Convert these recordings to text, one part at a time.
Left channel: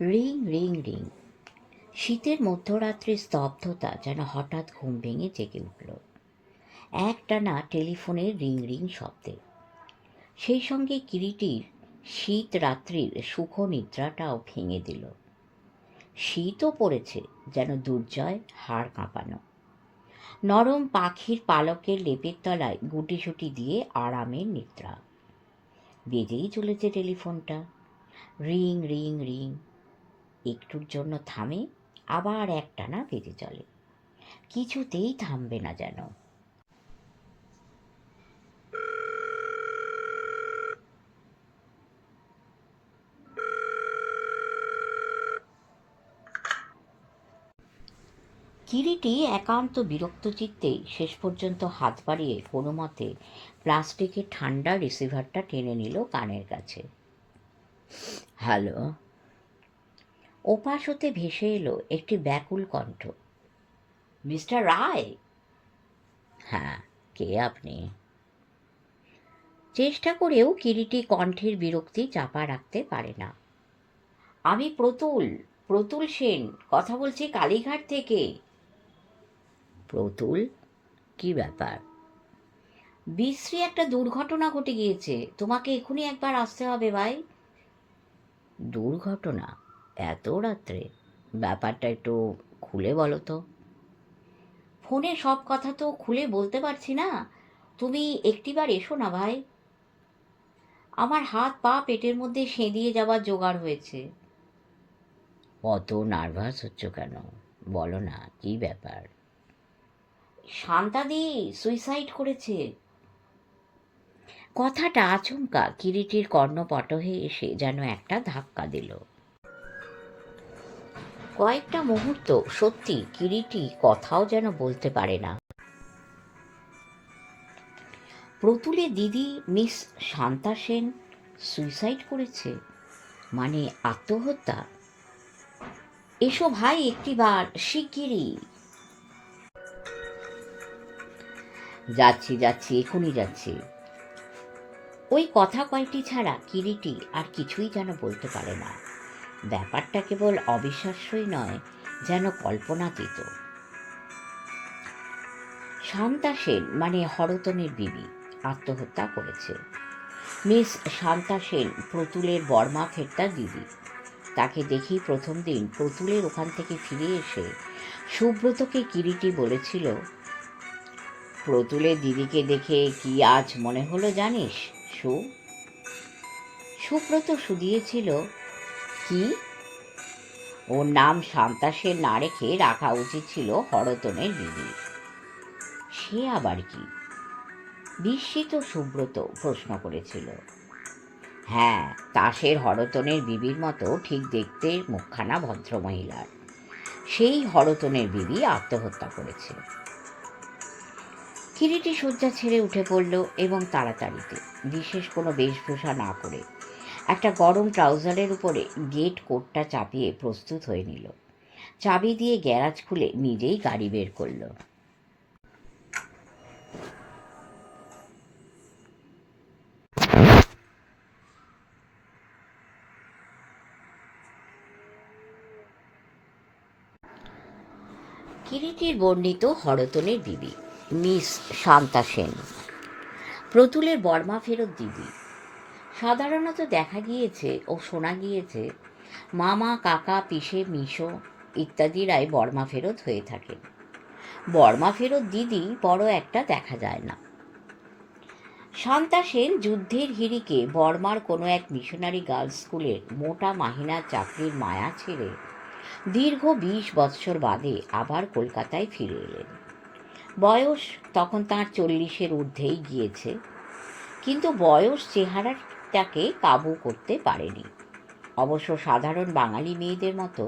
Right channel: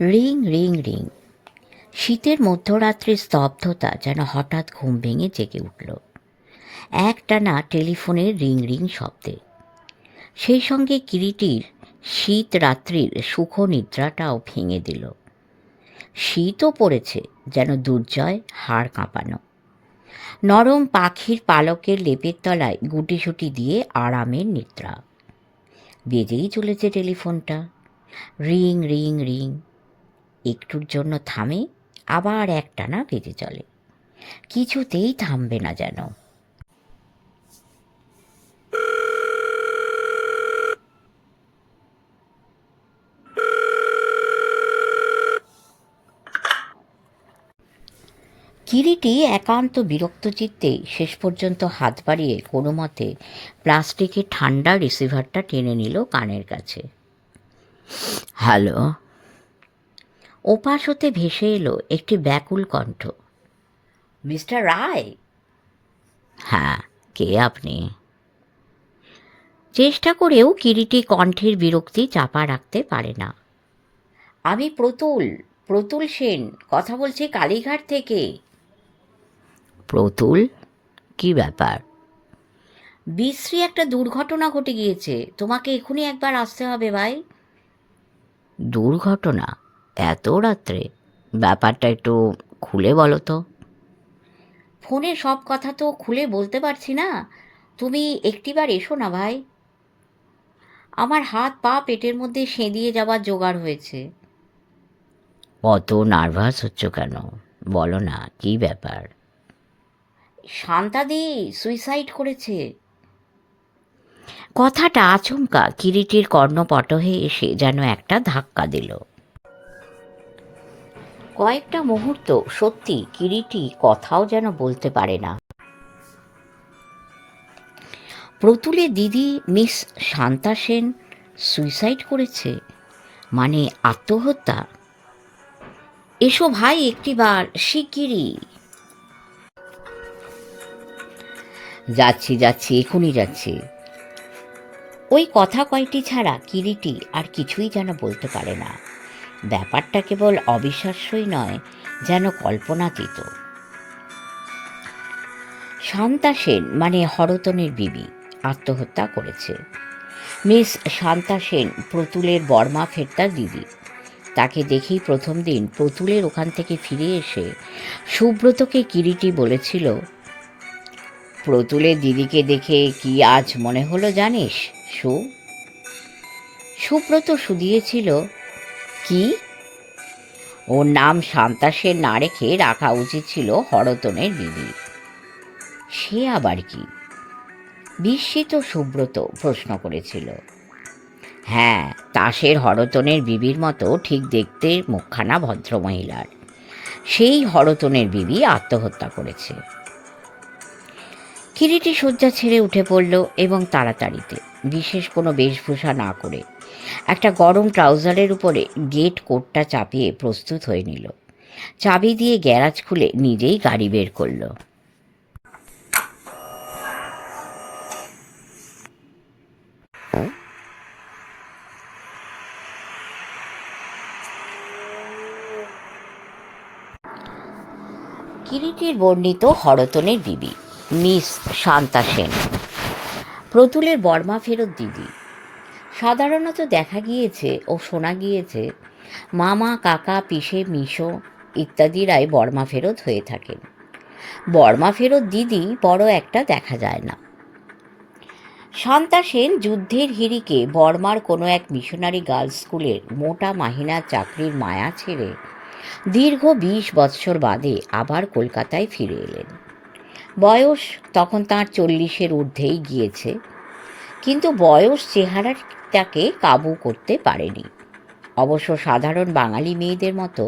Ring ring ring. শীতের মধ্যরাত্রির স্তব্ধতা যেন হঠাৎ ঘুম ভেঙে জেগে উঠল একটানা টেলিফোনের রিং রিং শব্দে। সেই সঙ্গে কিরিটির শীত রাত্রির সুখ নিদ্রাটাও ভেঙে দিল। শীতও পড়েছে, যেন দুর্জয় হাড় কাঁপানো। নরম পাখির পালকের লেপের তলায় গুটিসুটি দিয়ে আরামের নিদ্রা। বেজেই চলেছে টেলিফোনটা, রিং রিং রিং। একটুর জন্য থামে, আবার একটানা বেজে চলে, কিছুতেই থামবে না যেন। কিরিটি একান্ত বিরক্ত চিত্তে শেষ পর্যন্ত হাত বাড়িয়ে কোনো মতে প্লাস্টিকের ঠান্ডা রিসিভারটা টেনে নিল কানের কাছে। হ্যালো। ওপাশ হতে ভেসে এলো একটি ব্যাকুল কণ্ঠ। মিস্টার রায়? হ্যাঁ, কে আপনি? চেষ্টা করেও কিরিটি কণ্ঠের বিরক্তি চাপা রাখতে পারে না। আমি প্রতুল সেন কথা বলছি, কালীঘাট থেকে। প্রতুল? কি ব্যাপার? বিশ্রী একটা দুর্ঘটনা ঘটে গিয়েছে, তোমাকে এখনই একবার আসতে হবে ভাই। দুর্ঘটনা? এত রাত্রে? ব্যাপারটা একটু খুলে বলো তো। ফোনে সব কথা তো খুলে বলতে পারছি না, তুমি একটিবার এসো না ভাই। আমার হাত পা পেটের মধ্যে সেঁধিয়ে যাওয়ার জোগাড় হয়েছে। অত নার্ভাস হচ্ছ কেন? বলো না, কি ব্যাপার? শান্তাদি সুইসাইড করেছে। কথাটা আচমকা কিরিটির কর্ণপটহে এসে যেন একটা ধাক্কা দিল। কয়েকটা মুহূর্ত সত্যি কিরিটি কথাও যেন বলতে পারে না। প্রতুলের দিদি মিস শান্তা সেন সুইসাইড করেছে, মানে আত্মহত্যা? এসো ভাই একটিবার, শিগগিরই। যাচ্ছি যাচ্ছি, এখনই যাচ্ছি। ওই কথা কয়টি ছাড়া কিরিটি আর কিছুই যেন বলতে পারে না। ব্যাপারটা কেবল অবিশ্বাস্যই নয়, যেন কল্পনাতীত। শান্তা সেন মানে হরতনের বিবি আত্মহত্যা করেছে। মিস শান্তা সেন প্রতুলের বর্মা ফেরতার দিদি। তাকে দেখেই প্রথম দিন প্রতুলের ওখান থেকে ফিরে এসে সুব্রতকে কিরিটি বলেছিল, প্রতুলের দিদিকে দেখে কি আজ মনে হলো জানিস সুব্রত শুধিয়েছিল, কি? ওর নাম শান্তা সেন না রেখে রাখা উচিত ছিল হরতনের বিবি। সে আবার কি? বিস্মিত সুব্রত প্রশ্ন করেছিল। হ্যাঁ, তাসের হরতনের বিবির মতো ঠিক দেখতে মুখখানা ভদ্রমহিলার। সেই হরতনের বিবি আত্মহত্যা করেছে। কিরিটি শয্যা ছেড়ে উঠে পড়ল এবং তাড়াতাড়িতে, বিশেষ কোনো বেশভূষা না করে, একটা গরম ট্রাউজারের উপরে গেট কোটটা চাপিয়ে প্রস্তুত হয়ে নিল। চাবি দিয়ে গ্যারাজ খুলে নিজেই গাড়ি বের করল। কিরিটির বর্ণিত হরতনের বিবি মিস শান্তা সেন, প্রতুলের বর্মা ফেরত দিদি। সাধারণত দেখা গিয়েছে ও শোনা গিয়েছে মামা, কাকা, পিসে, মিশো ইত্যাদিরাই বর্মা ফেরত হয়ে থাকেন। বর্মা ফেরত দিদি বড় একটা দেখা যায় না। শান্তা সেন যুদ্ধের হিড়িকে বর্মার কোনো এক মিশনারি গার্লস স্কুলের মোটা মাহিনার চাকরির মায়া ছেড়ে দীর্ঘ 20 বৎসর বাদে আবার কলকাতায় ফিরে এলেন। বয়স তখন তাঁর 40-এর ঊর্ধ্বেই গিয়েছে, কিন্তু বয়স চেহারাটাকে কাবু করতে পারেনি। অবশ্য সাধারণ বাঙালি মেয়েদের মতো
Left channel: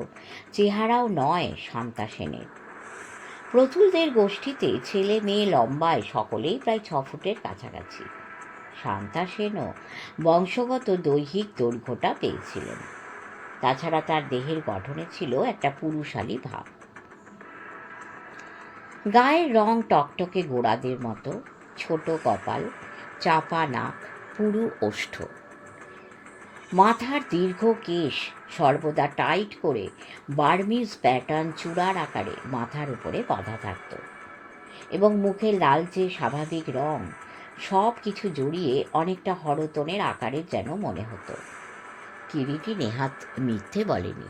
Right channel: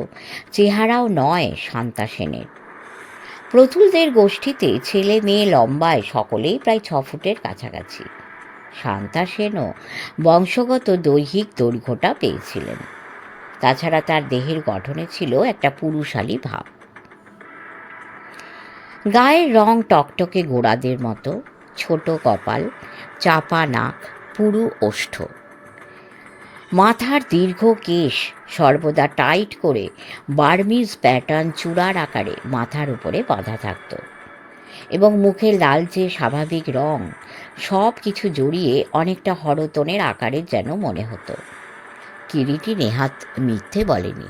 চেহারাও নয় শান্তা সেনের। প্রতুলদের গোষ্ঠীতে ছেলে মেয়ে লম্বায় সকলেই প্রায় 6 ফুটের কাছাকাছি। শান্তা সেনও বংশগত দৈহিক দৈর্ঘ্যটা পেয়েছিলেন। তাছাড়া তার দেহের গঠনে ছিল একটা পুরুষালী ভাব। গায়ের রং টকটকে গোড়াদের মতো, ছোট কপাল, চাপা নাক, পুরু ওষ্ঠ। মাথার দীর্ঘ কেশ সর্বদা টাইট করে বার্মিজ প্যাটার্ন চূড়ার আকারে মাথার উপরে বাঁধা থাকত, এবং মুখের লালচে স্বাভাবিক রং সব কিছু জড়িয়ে অনেকটা হরতনের আকারের যেন মনে হতো। কিরিটি নেহাত মিথ্যে বলেনি।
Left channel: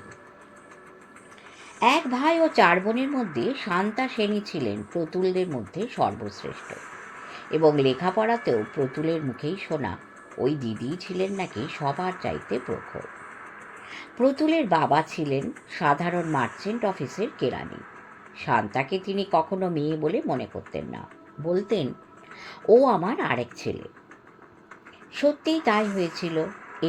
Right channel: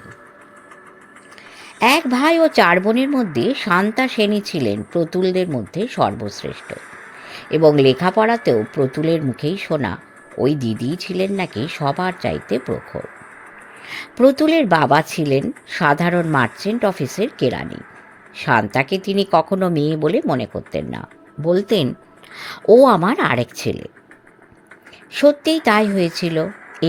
এক ভাই ও 4 বোনের মধ্যে শান্তা সেনই ছিলেন প্রতুলদের মধ্যে সর্বশ্রেষ্ঠ, এবং লেখাপড়াতেও প্রতুলের মুখেই শোনা ওই দিদিই ছিলেন নাকি সবার চাইতে প্রখর। প্রতুলের বাবা ছিলেন সাধারণ মার্চেন্ট অফিসের কেরানি। শান্তাকে তিনি কখনো মেয়ে বলে মনে করতেন না, বলতেন ও আমার আরেক ছেলে। সত্যিই তাই হয়েছিল।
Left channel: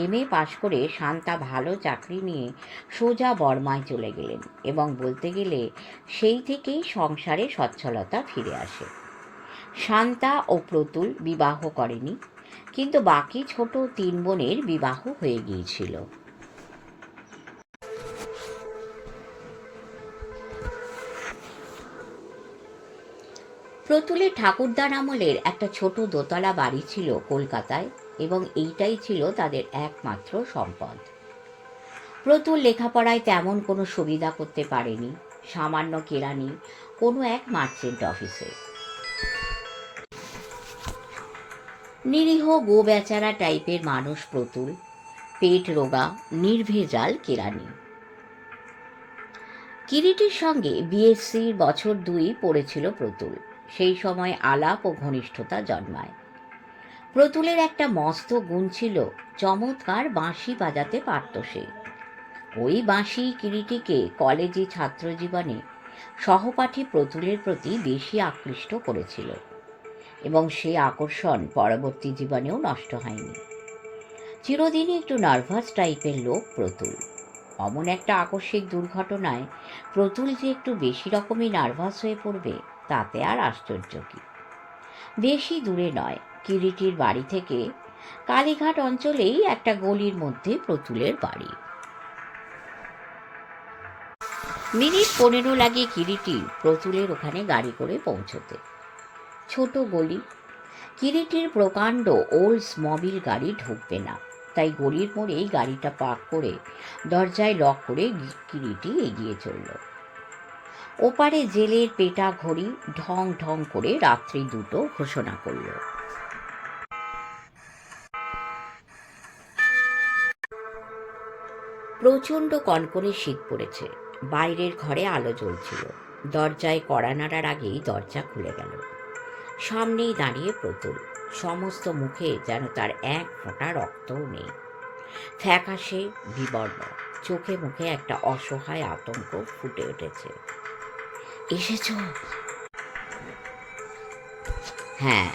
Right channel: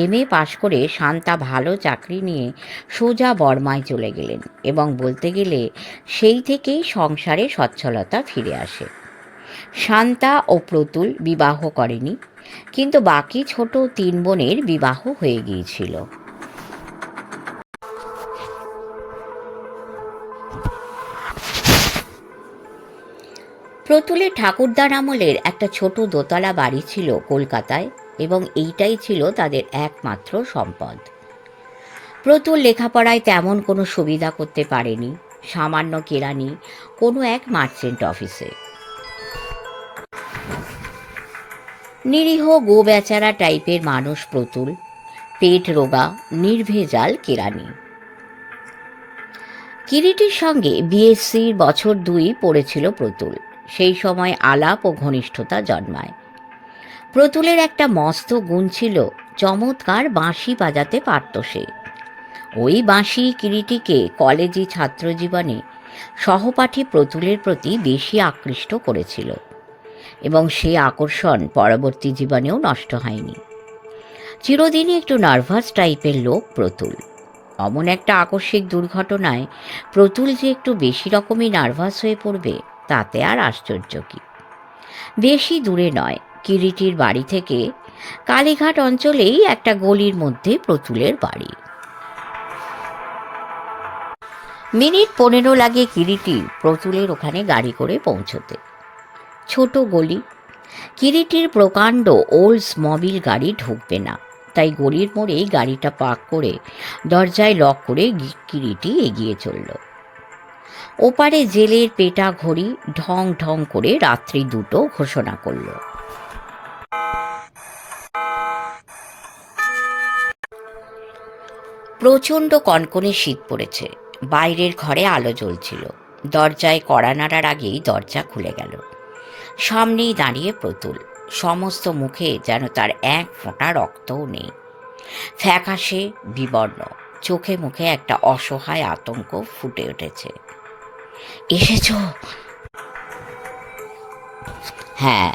MA পাশ করে শান্তা ভালো চাকরি নিয়ে সোজা বর্মায় চলে গেলেন, এবং বলতে গেলে সেই থেকেই সংসারে সচ্ছলতা ফিরে আসে। শান্তা ও প্রতুল বিবাহ করেনি, কিন্তু বাকি ছোট 3 বোনের বিবাহ হয়ে গিয়েছিল। প্রতুলের ঠাকুরদার আমলের একটা ছোট দোতলা বাড়ি ছিল কলকাতায়, এবং এইটাই ছিল তাদের একমাত্র সম্পদ। প্রতুল লেখাপড়ায় তেমন কোনো সুবিধা করতে পারেনি, সামান্য কেরানি কোনো এক মার্চেন্ট অফিসে। নিরীহ গো বেচারা টাইপের মানুষ প্রতুল, পেট রোগা নির্ভেজাল কেরানি। কিরিটির সঙ্গে BSCর বছর 2 পড়েছিল প্রতুল। সেই সময় আলাপ ও ঘনিষ্ঠতা জন্মায়। প্রতুলের একটা মস্ত গুণ ছিল, চমৎকার বাঁশি বাজাতে পারত সে। ওই বাঁশি কিরিটিকে কলেজে ছাত্রজীবনে সহপাঠী প্রতুলের প্রতি বেশি আকৃষ্ট করেছিল, এবং সে আকর্ষণ পরবর্তী জীবনেও নষ্ট হয়নি। চিরদিনই একটু নার্ভাস টাইপের লোক প্রতুল। অমন একটা আকস্মিক দুর্ঘটনায় প্রতুল যে একটু বেশি রকমই নার্ভাস হয়ে পড়বে, তাতে আর আশ্চর্য কি। বেশি দূরে নয়, কিরিটির বাড়ি থেকে কালীঘাট অঞ্চলেই একটা গলির মধ্যে প্রতুলের বাড়ি। মিনিট 15 লাগে কিরিটি প্রতুলের ওখানে গাড়ি করে পৌঁছতে। ছোট গলি, কিরিটির প্রকাণ্ড ওল্ডসমোবিল গাড়ি ঢুকবে না, তাই গলির মোড়েই গাড়িটা পার্ক করে দরজায় লক করে কিরিটি এগিয়ে চলল। ওপারে জেলের পেটা ঘড়ি ঢং ঢং করে রাত্রি 2টো ঘোষণা করল। প্রচণ্ড কনকনে শীত পড়েছে। বাইরের ঘরে আলো জ্বলছিল। দরজায় কড়া নাড়ার আগেই দরজা খুলে গেল। সামনেই দাঁড়িয়ে প্রতুল। সমস্ত মুখে যেন তার এক ফোঁটা রক্তও নেই। ফ্যাকাশে বিবর্ণ, চোখে মুখে একটা অসহায় আতঙ্ক ফুটে উঠেছে। এসেছ? হ্যাঁ।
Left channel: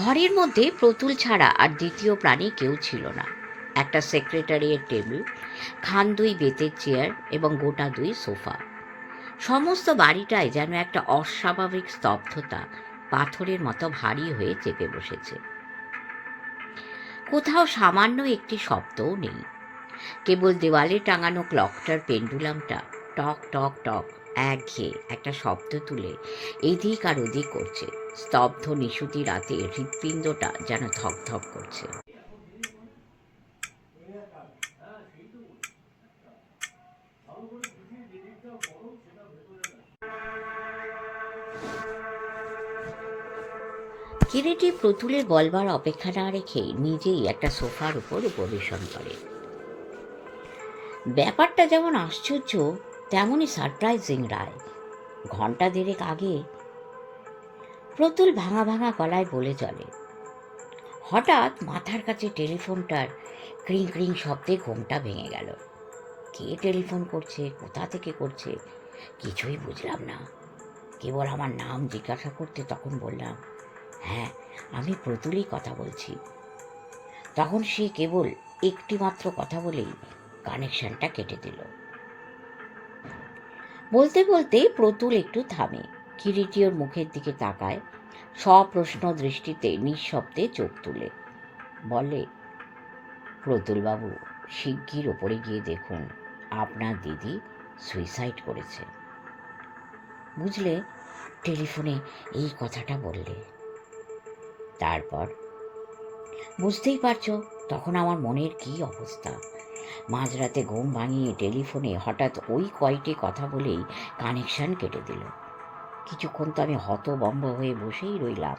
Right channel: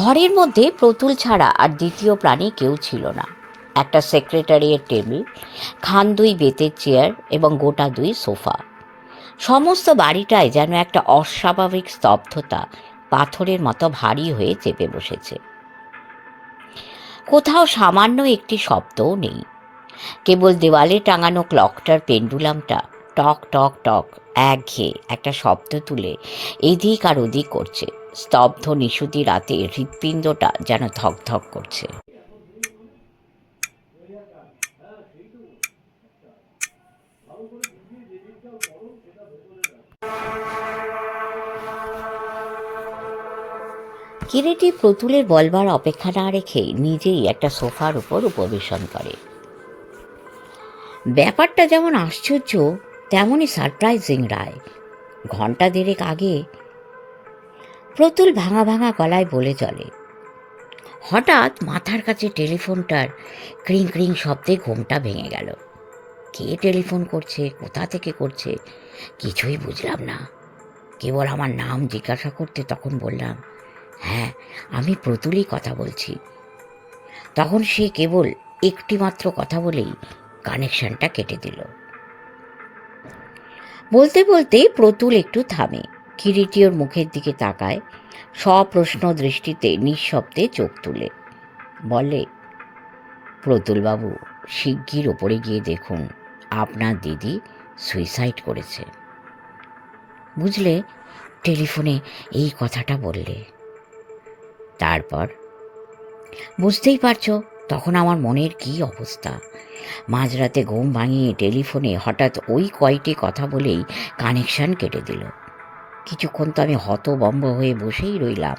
ঘরের মধ্যে প্রতুল ছাড়া আর দ্বিতীয় প্রাণী কেউ ছিল না। একটা সেক্রেটারিয়ের টেবিল, খান 2 বেতের চেয়ার এবং গোটা 2 সোফা। সমস্ত বাড়িটায় যেন একটা অস্বাভাবিক স্তব্ধতা পাথরের মতো ভারী হয়ে চেপে বসেছে। কোথাও সামান্য একটি শব্দও নেই। কেবল দেওয়ালে টাঙানো ক্লকটার পেন্ডুলামটা টক টক টক একঘেয়ে একটা শব্দ তুলে এদিক আর ওদিক করছে। স্তব্ধ নিশুতি রাতে হৃৎপিণ্ডটা যেন ধকধক করছে। কিরিটি প্রতুলের বলবার অপেক্ষা না রেখে নিজেই একটা সোফার উপর উপবেশন করে। ব্যাপারটা যেমন আশ্চর্য তেমনই সারপ্রাইজিং রায়। ঘন্টা 1.5 আগে প্রতুল ভাঙা ভাঙা গলায় বলে চলে। হঠাৎ মাথার কাছে টেলিফোনটার ক্রিং ক্রিং শব্দে ঘুমটা ভেঙে গেল। কে টেলিফোন করছে, কোথা থেকে করছে কিছুই বুঝলাম না। কেবল আমার নাম জিজ্ঞাসা করতে তখন বললাম, হ্যাঁ আমি প্রতুলই কথা বলছি। তখন সে কেবল একটি মাত্র কথা বলেই কানেকশনটা কেটে দিল। বলতে বলতে প্রতুল একটু থামে। কিরিটি ওর মুখের দিকে তাকায়, সপ্রশ্ন দৃষ্টিতে নিঃশব্দে চোখ তুলে বলে, প্রতুলবাবু শিগগির ওপরে গিয়ে দেখুন, আপনার দিদি সুইসাইড করেছে। বুঝলে, টেলিফোনে এই কথাটা বললে। তারপর বুঝতেই পারছো, তখন আমার মনের কী অবস্থা! মাঝরাতে ঘুম ভাঙিয়ে টেলিফোনে হঠাৎ ওই কয়টি কথা বলেই কানেকশন কেটে দিল। কিছুক্ষণ তো আমি হতভম্ব হয়ে বসেই রইলাম।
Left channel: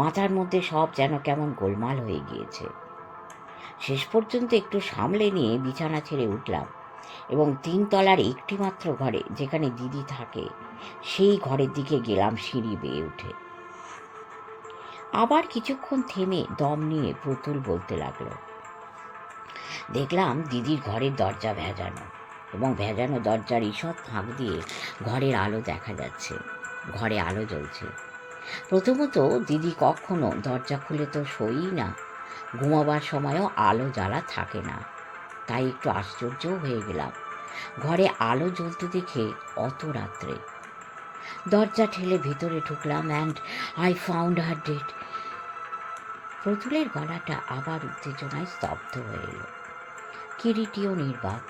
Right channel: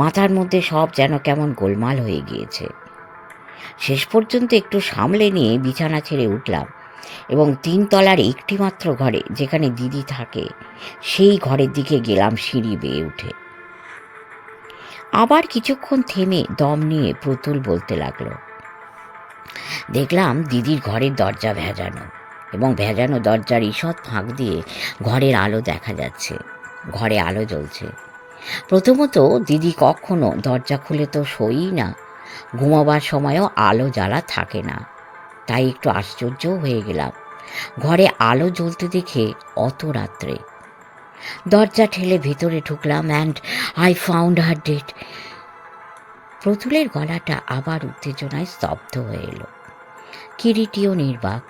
মাথার মধ্যে সব যেন কেমন গোলমাল হয়ে গিয়েছে। শেষ পর্যন্ত একটু সামলে নিয়ে বিছানা ছেড়ে উঠলাম এবং 3 তলার একটি মাত্র ঘরে, যেখানে দিদি থাকে, সেই ঘরের দিকে গেলাম সিঁড়ি বেয়ে উঠে। আবার কিছুক্ষণ থেমে দম নিয়ে প্রতুল বলতে লাগলো। দেখলাম দিদির ঘরের দরজা ভেজানো, এবং ভেজানো দরজার ঈষৎ ফাঁক দিয়ে ঘরের আলো দেখা যাচ্ছে। ঘরে আলো জ্বলছে। প্রথমত দিদি কখনো দরজা খুলে তো শোয়ই না, ঘুমাবার সময়ও আলো জ্বালা থাকে না। তাই একটু আশ্চর্যও হয়ে গেলাম ঘরে আলো জ্বলতে দেখে অত রাত্রে। দরজা ঠেলে ভিতরে ঢুকলাম and I found her dead. প্রতুলের গলাটা আবার উত্তেজনায় স্তব্ধ হয়ে এলো। কিরিটিও নির্বাক।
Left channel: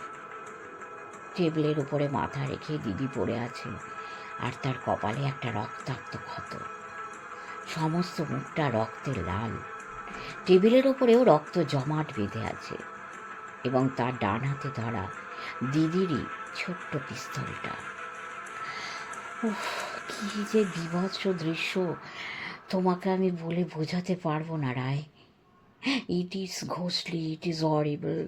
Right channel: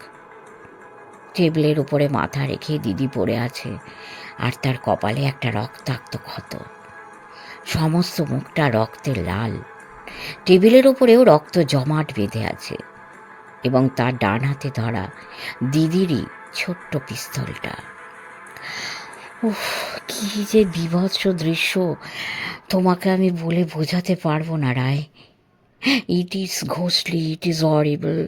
টেবিলের উপরে মাথা রেখে দিদি পড়ে আছে, আর তার কপালে একটা রক্তাক্ত ক্ষত। সমস্ত মুখটা রক্তে লাল। টেবিলের উপরেও রক্ত জমাট বেঁধে আছে, এবং তার ডান হাতে ধরা দিদিরই ছোট্ট পিস্তলটা। উফ, কি যে বীভৎস দৃশ্য! তোমাকে আমি বলে বোঝাতে পারবো না, রায়। ইট ইজ ঘোস্টলি, ইট ইজ হরিবল।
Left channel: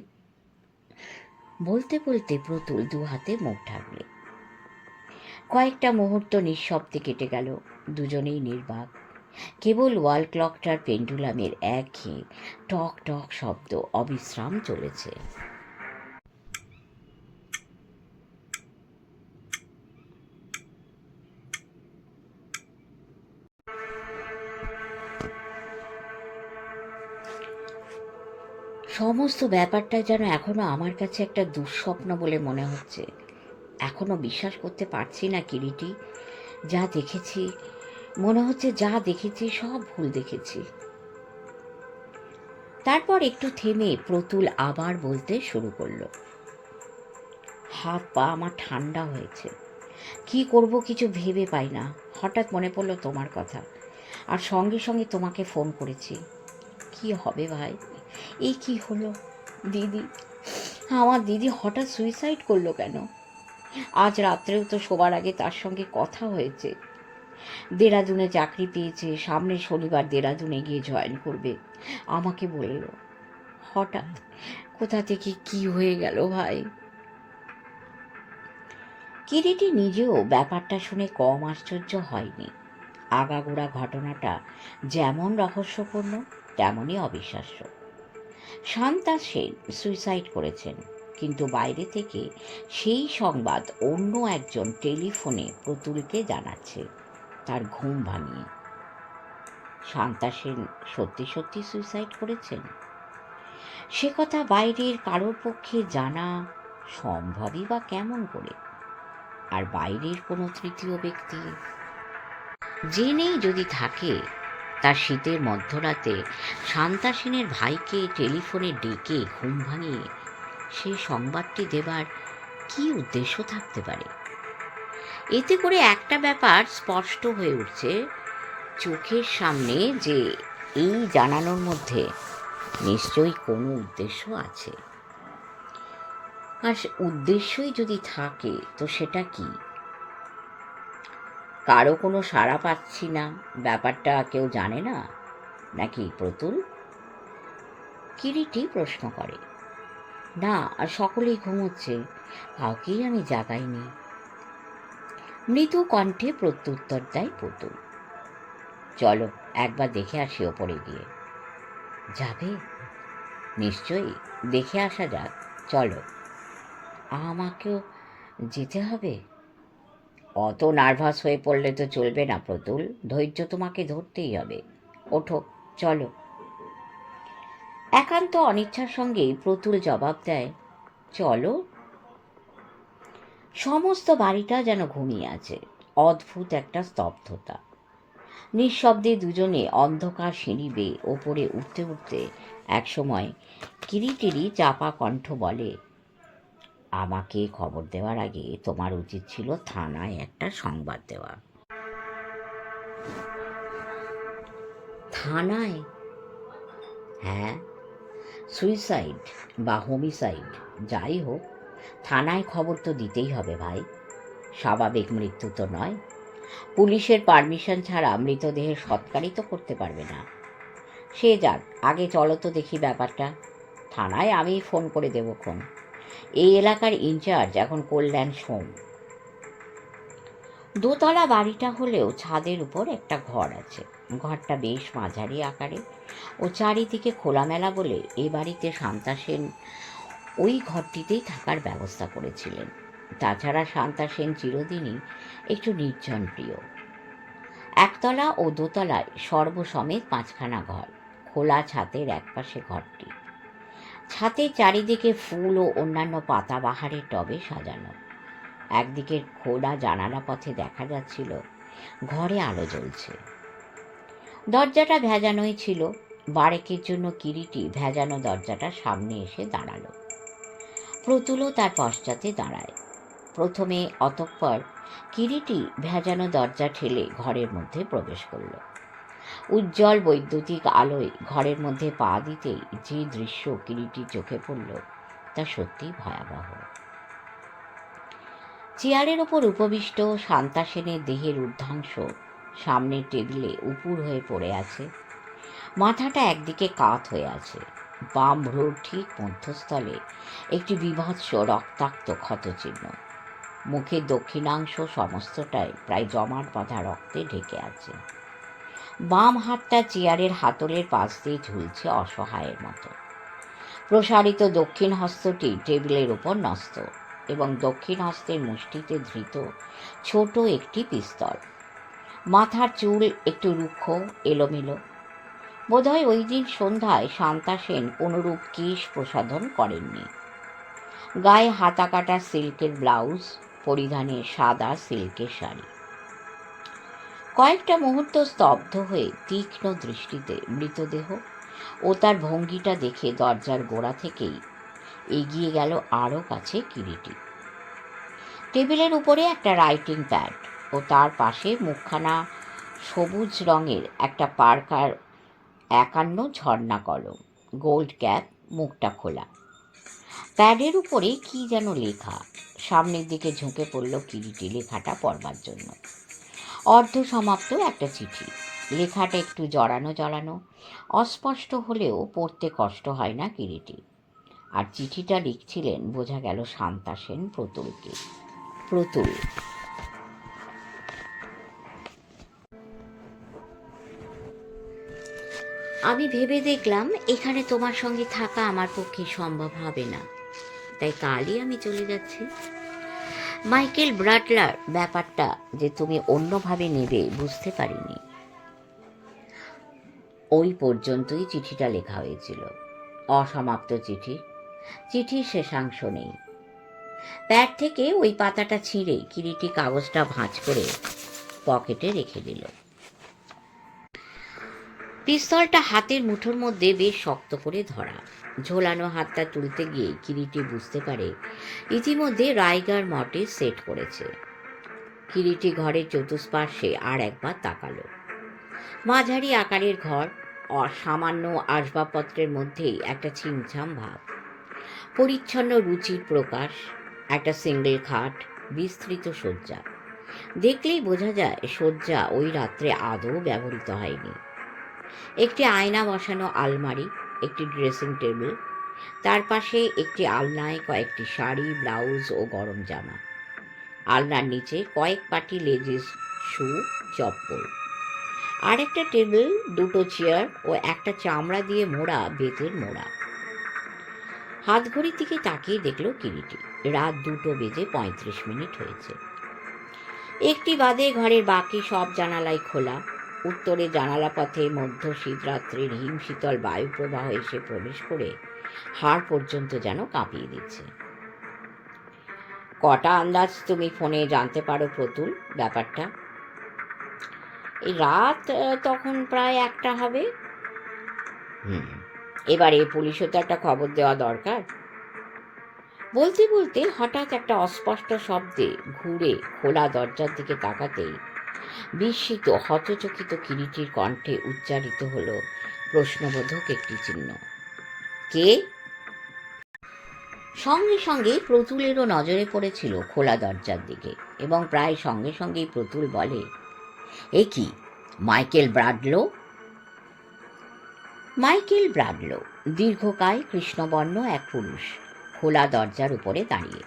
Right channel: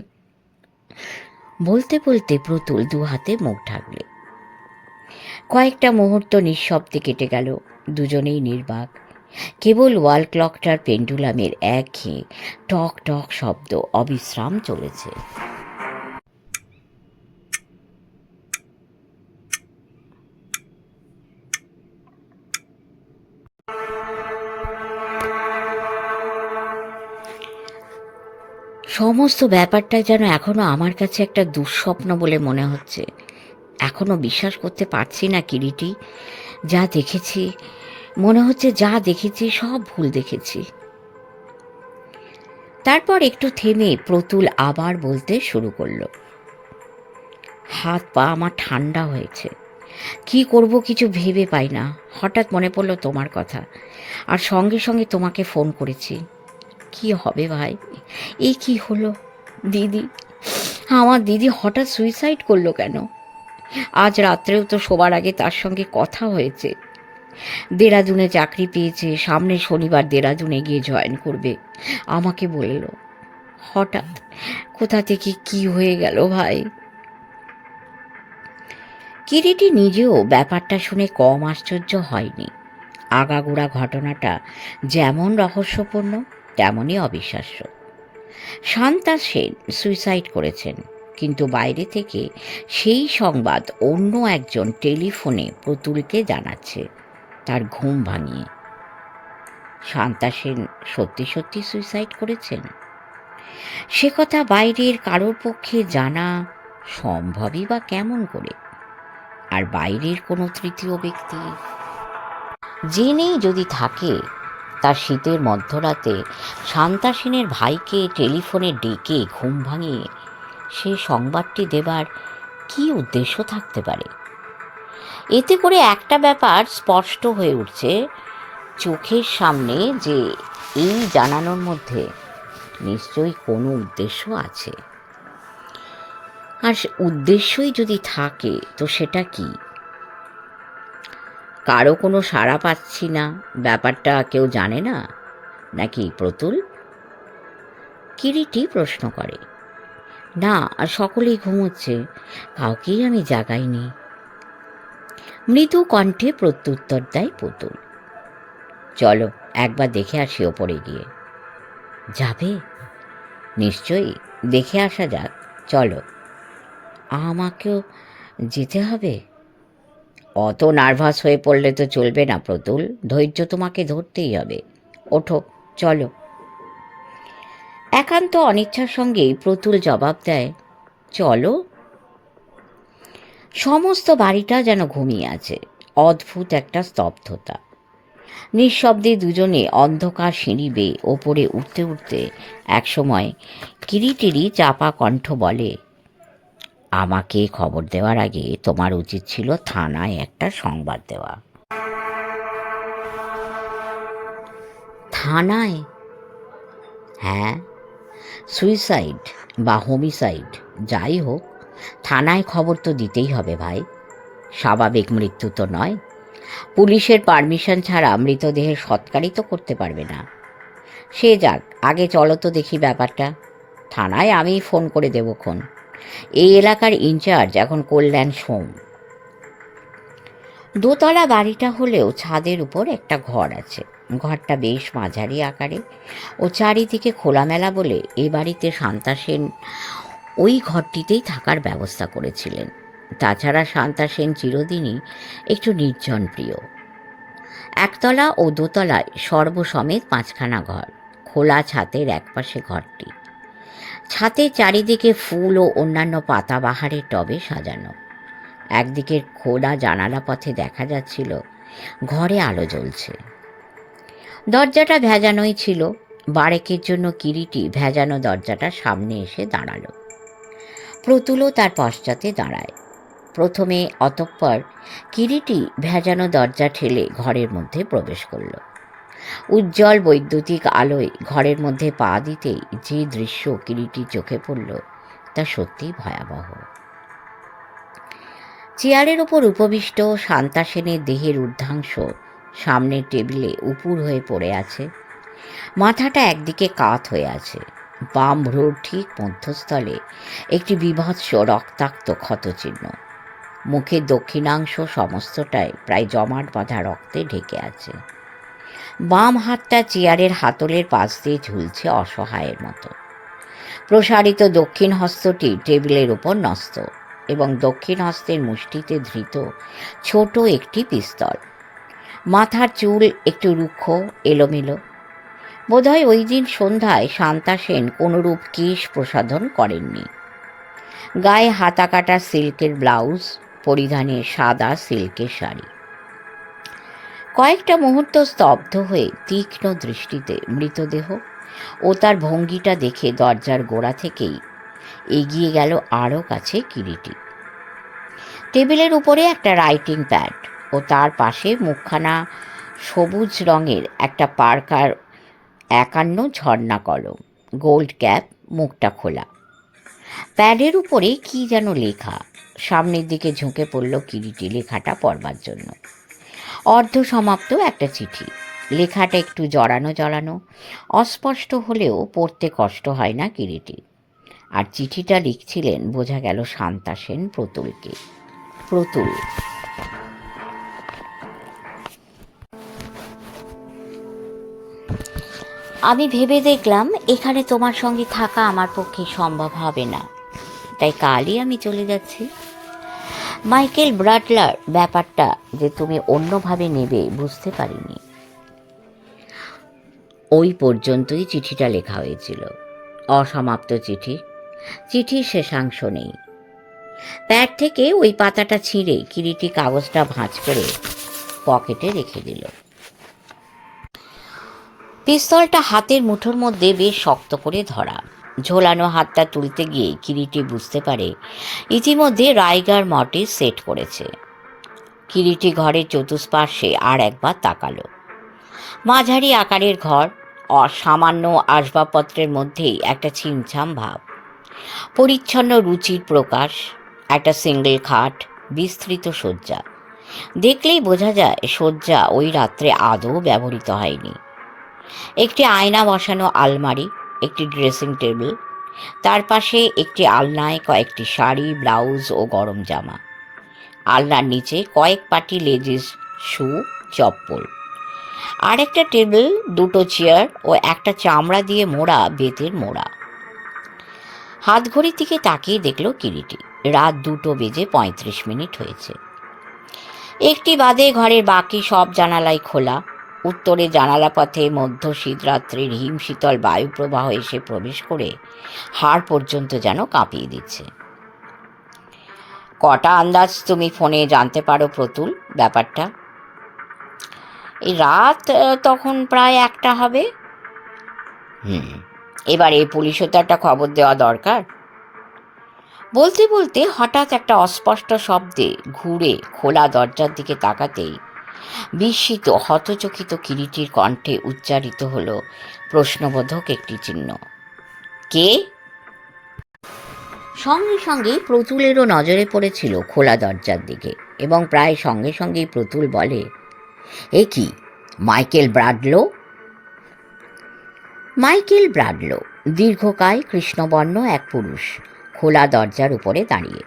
বলতে বলতে প্রতুল 2 হাতে মুখ ঢাকলে। কয়েকটা মুহূর্ত নিঃশব্দে কেটে গেল। দুজনেই নির্বাক। কেবল ওয়াল ক্লকটার পেন্ডুলামের একঘেয়ে টক টক শব্দ অবিশ্রাম চলেছে। সমস্ত ব্যাপারটা যেন এখনো আমার কাছে একটা দুঃস্বপ্ন বলে মনে হচ্ছে। এখনো বিশ্বাস করতে পারছি না কিরিটি। যা দেখেছি, মনে হচ্ছে যা দেখেছি সব ভুল দেখেছি। তারপর একটু থেমে প্রতুল আবার বলতে শুরু করলো। হাত পা আমার ঠান্ডা হয়েছে। কি করব কিছু ভেবে পাই না। হঠাৎ মনে পড়লো তোমার কথা, আর সঙ্গে সঙ্গে তোমাকে ফোন করেছি। কি হবে ভাই, এ কি হলো? দিদি, আমার দিদি হঠাৎ সুইসাইড করলো কেন? আজ রাত্রেও তো শোবার আগে তার সঙ্গে কথা হয়েছে। দেরাদুনে চাকরি পেয়েছে, সামনে শনিবার দেরাদুনে গিয়ে জয়েন করবে। আমাকে বলল। হঠাৎ কোথা থেকে কি হয়ে গেল ভাই? কিরিটি নিজেও ব্যাপারটা শুনে কম আশ্চর্য হয়নি। আগাগোড়া ঘটনাটা যেমন রহস্যপূর্ণ তেমনই অবিশ্বাস্য। শান্তা সেন সুইসাইড করেছেন, কিন্তু বাইরে থেকে সেই সংবাদ অন্য একজন টেলিফোনে প্রতুলকে জানাচ্ছে, তার ঘুম ভাঙিয়ে। শান্তা সেন সত্যি সত্যি সুইসাইড করেছেন? সে কথা বাইরের কারোর পক্ষে জানা সম্ভবই বা কেমন করে? আর বাইরের কোনো তৃতীয় ব্যক্তি জেনেই যদি থাকে, তার শীতের মধ্যরাতে শান্তা সেনের ভাইকে টেলিফোনে ডেকে ঘুম ভাঙিয়ে সে সংবাদটি দেবার কি উদ্দেশ্য থাকতে পারে? এতে করে একটা ব্যাপার স্পষ্ট হয়ে উঠছে চোখের সামনে, যে এই জানানোর মধ্যে নিশ্চয়ই কোনো উদ্দেশ্য আছে। আর উদ্দেশ্যই যদি থাকে তো সেটা কি? কারো কোনো সাড়া পাচ্ছি না, ব্যাপারটা কেউ জানে না নাকি প্রতুল? কিরিটি প্রশ্ন করে। না, সকলেই ঘুমোচ্ছে, কাউকেই আমি জাগাইনি। মৃদু কণ্ঠে প্রত্যুত্তর দেয় প্রতুল। চলো একবার দেখে আসি ওপরে গিয়ে। যাবে? নিশ্চয়ই, দেখে আসা যাক, চলো। আমাকেও যেতে হবে? অত নার্ভাস হয়ে পড়লে তো চলবে না প্রতুল, ধৈর্য তোমাকে ধরতেই হবে। ওঠো, চলো। একান্ত অনিচ্ছার সঙ্গেই প্রতুল জবাব দেয়, চলো। সমস্ত বাড়িটা যেন ঘুমিয়ে আছে। অদ্ভুত একটা স্তব্ধতা। নিঃশব্দে দুজনে অন্ধকার সিঁড়ি বেয়ে ওপরে উঠতে উঠতে একসময় কিরিটিরি চাপা কণ্ঠ বলে, আমাকে খবর দেওয়ার আগে তোমার উচিত ছিল থানায় একটা সংবাদ দেওয়া। থানায়? হ্যাঁ, সুইসাইড বা হোমিসাইড যাই হোক, থানায় খবর তো দিতেই হবে ভাই। স্বাভাবিক মৃত্যু তো নয়। পুলিশের পারমিশন ছাড়া মৃতদেহের সৎকারই তো করতে পারবে না। সে যাক, আগে চলো তো দেখি ব্যাপারটা। থানায় আমি ফোন করে দেবক্ষণ। এই এলাকার ইনচার্জ এখন কল্যাণ সোম। দোতলা বাড়িটা হলেও ছাদের উপর একটা ঘর আছে। ঘরটা বেশ মাঝারি আকারে ও চারিদিকে খোলামেলা বলে এ বাড়িতে শান্তা সেন ওই ঘরটিতেই থাকার ব্যবস্থা করেছিলেন। তাছাড়া শান্তা সেন চিরদিনই একটু নির্জন প্রিয়। একতলা ও দোতলায় সর্বসমেত 5খানা ঘর। খোলা ছাদের একপাশে ঘরটি। ছাদের চারিদিকে ফুল ও অন্যান্য পাতাবাহারের টবে সাজানো। একদিকের খোলা জানালা পথে দেখা যাচ্ছিল ঘরে আলো জ্বলছে। দরজাটা ভেজানোই ছিল। বারেকের জন্য কিরিটি ভেজানো দরজাটার সামনে এসে দাঁড়ালো। প্রতুলও তার পশ্চাতে দাঁড়ায়। প্রথমে, অতঃপর কিরিটি ভেজানো দরজা ঠেলে ঘরের মধ্যে প্রবেশ করল। উজ্জ্বল বৈদ্যুতিক আলোয় ঘরের মধ্যে পা দিতেই যে দৃশ্য কিরিটির চোখে পড়ল তা সত্যিই ভয়াবহ। চেয়ারের ওপর উপবিষ্ট শান্তা সেনের দেহের ঊর্ধ্বাংশ সামনের টেবিলে উপুড় হয়ে পড়ে আছে। মাথাটা একদিকে কাত হয়ে আছে। বাম ভ্রুর ঠিক মধ্যস্থলে একটি বীভৎস রক্তাক্ত ক্ষতচিহ্ন। মুখের দক্ষিণাংশ সমস্তটাই প্রায় জমাট বাঁধা রক্তে ঢেকে আছে। বাম হাতটা চেয়ারের হাতলের পাশ দিয়ে ঝুলছে অসহায়ের মতো। প্রসারিত দক্ষিণ হস্তটি টেবিলের উপর ন্যস্ত এবং দক্ষিণ হস্তের মুষ্টিতে ধৃত ছোট একটি পিস্তল। মাথার চুল একটু রুক্ষ, এলোমেলো। বোধহয় ওই দিন সন্ধ্যায় শান্তা সেন কোনোরূপ কেশ প্রসাধন করেননি। গায়ে হাতা কাটা সিল্কের ব্লাউজ, পরিধানে সাদা সিল্কের শাড়ি। কয়েকটা মুহূর্ত স্তব্ধ হয়ে তীক্ষ্ণ দৃষ্টিতে মৃতদেহ ও তার ভঙ্গিটা দেখে দরজার গোড়া থেকেই এগিয়ে গেল আরও কাছে কিরিটি। টেবিলের উপরে একটা রাইটিং প্যাড ও তার পাশে মুখখানা সবুজ রঙের একটা পার্কার 51 ঝর্ণা কলম, গোল্ড ক্যাপ, মুখটা খোলা। প্যাডের উপরে কি যেন লেখা। সামনের দিকে ঝুঁকে পড়ল কিরিটি লেখাটা পড়বার জন্য। অর্ধসমাপ্ত একটা চিঠি। লেখাটা একটু জড়ানো জড়ানো, অস্পষ্ট হলেও পড়তে কষ্ট হয় না কিরিটি। আর চিঠিটা লিখছিলেন বোঝা গেল শান্তা সেন প্রতুলকে। প্রতুল, আমি ভেবে দেখলাম এখানে তোমার সঙ্গে থাকা আমার পক্ষে সম্ভব হবে না, তাই কালই আমি চলে যাচ্ছি। মাইকেল ব্রাটলার ব্যাপারটা যে তুমি অন্যভাবে নেবে বুঝতে পারিনি। ওই পর্যন্তই চিঠিটা লেখা হয়েছিল। অসমাপ্ত চিঠি। চিঠির শেষাংশ নেই। প্যাড থেকে ওই পাতাটা ছিঁড়ে কিরিটি কাগজটা ভাঁজ করে পকেটে রেখে দিল। পিস্তলটা হাতের মুঠোর মধ্যে বেশ শক্ত করে ধরা। ঝোলানো হাতটা তুলতে গিয়ে কিরিটি বুঝতে পারে ইতিমধ্যে রাইগার মর্টিস সেট করেছে। কিরিটি ঘরের চতুষ্পার্শ্বে আর একবার তাকালো। মাঝারি আকারের ঘর, সামান্য আসবাবপত্রের মধ্যেই একটা ছিমছাম ভাব। পরিচ্ছন্ন রুচির প্রকাশ। একটা সিঙ্গেল খাট, বিস্তৃত শয্যা। দেখলেই বোঝা যায় শয্যা ওই রাত্রে আদৌ ব্যবহৃত হয়নি। একটি আয়না বসানো আলমারি, একটি ড্রেসিং টেবিল, তার পাশে একটি আলনায় কয়েকটি শাড়ি, ব্লাউজ ও গরম জামা। আলনার নিচে কয়েক পাটি লেডিস শু, চপ্পল। আর একটা টেবিল, দুটো চেয়ার ও একটা চামড়া দিয়ে মোড়া বেতের মোড়া। হাতঘড়ির দিকে তাকিয়ে দেখল কিরিটি রাত 2:35 হয়েছে। একটি বাদে ঘরের বাকি সব জানালাই খোলা। উত্তরে জানালা পথে মধ্য শীতরাত্রির হিমশীতল বায়ুপ্রবাহ এসে প্রবেশ করে হাড় পর্যন্ত যেন কাঁপিয়ে দিচ্ছে। কটা আন্দাজ তুমি ফোনে জানতে পারো প্রতুল ব্যাপারটা? এই রাত তখন প্রায় 1টা হবে। এবারে পুলিশও তো একটা খবর দেওয়া দরকার। বলতে বলতে হঠাৎ একটা অস্পষ্ট শব্দে ঘুরে খোলা দরজার দিকে তাকাতেই বিস্মিত হতচকিত কিরিটির কণ্ঠে উচ্চারিত হলো প্রশ্নবোধক একটি চিহ্ন। কে? সঙ্গে সঙ্গে প্রতুলেরও নজরে পড়েছিল খোলা দরজার দিকে, এবং প্রায় সঙ্গে সঙ্গেই প্রতুল বলে, এ কি, মাইকেল ব্রাডলো? মাইকেল ব্রাডলো দীর্ঘকায় কৃষ্ণবর্ণ এক পুরুষ, খোলা দরজার উপরে দাঁড়িয়ে,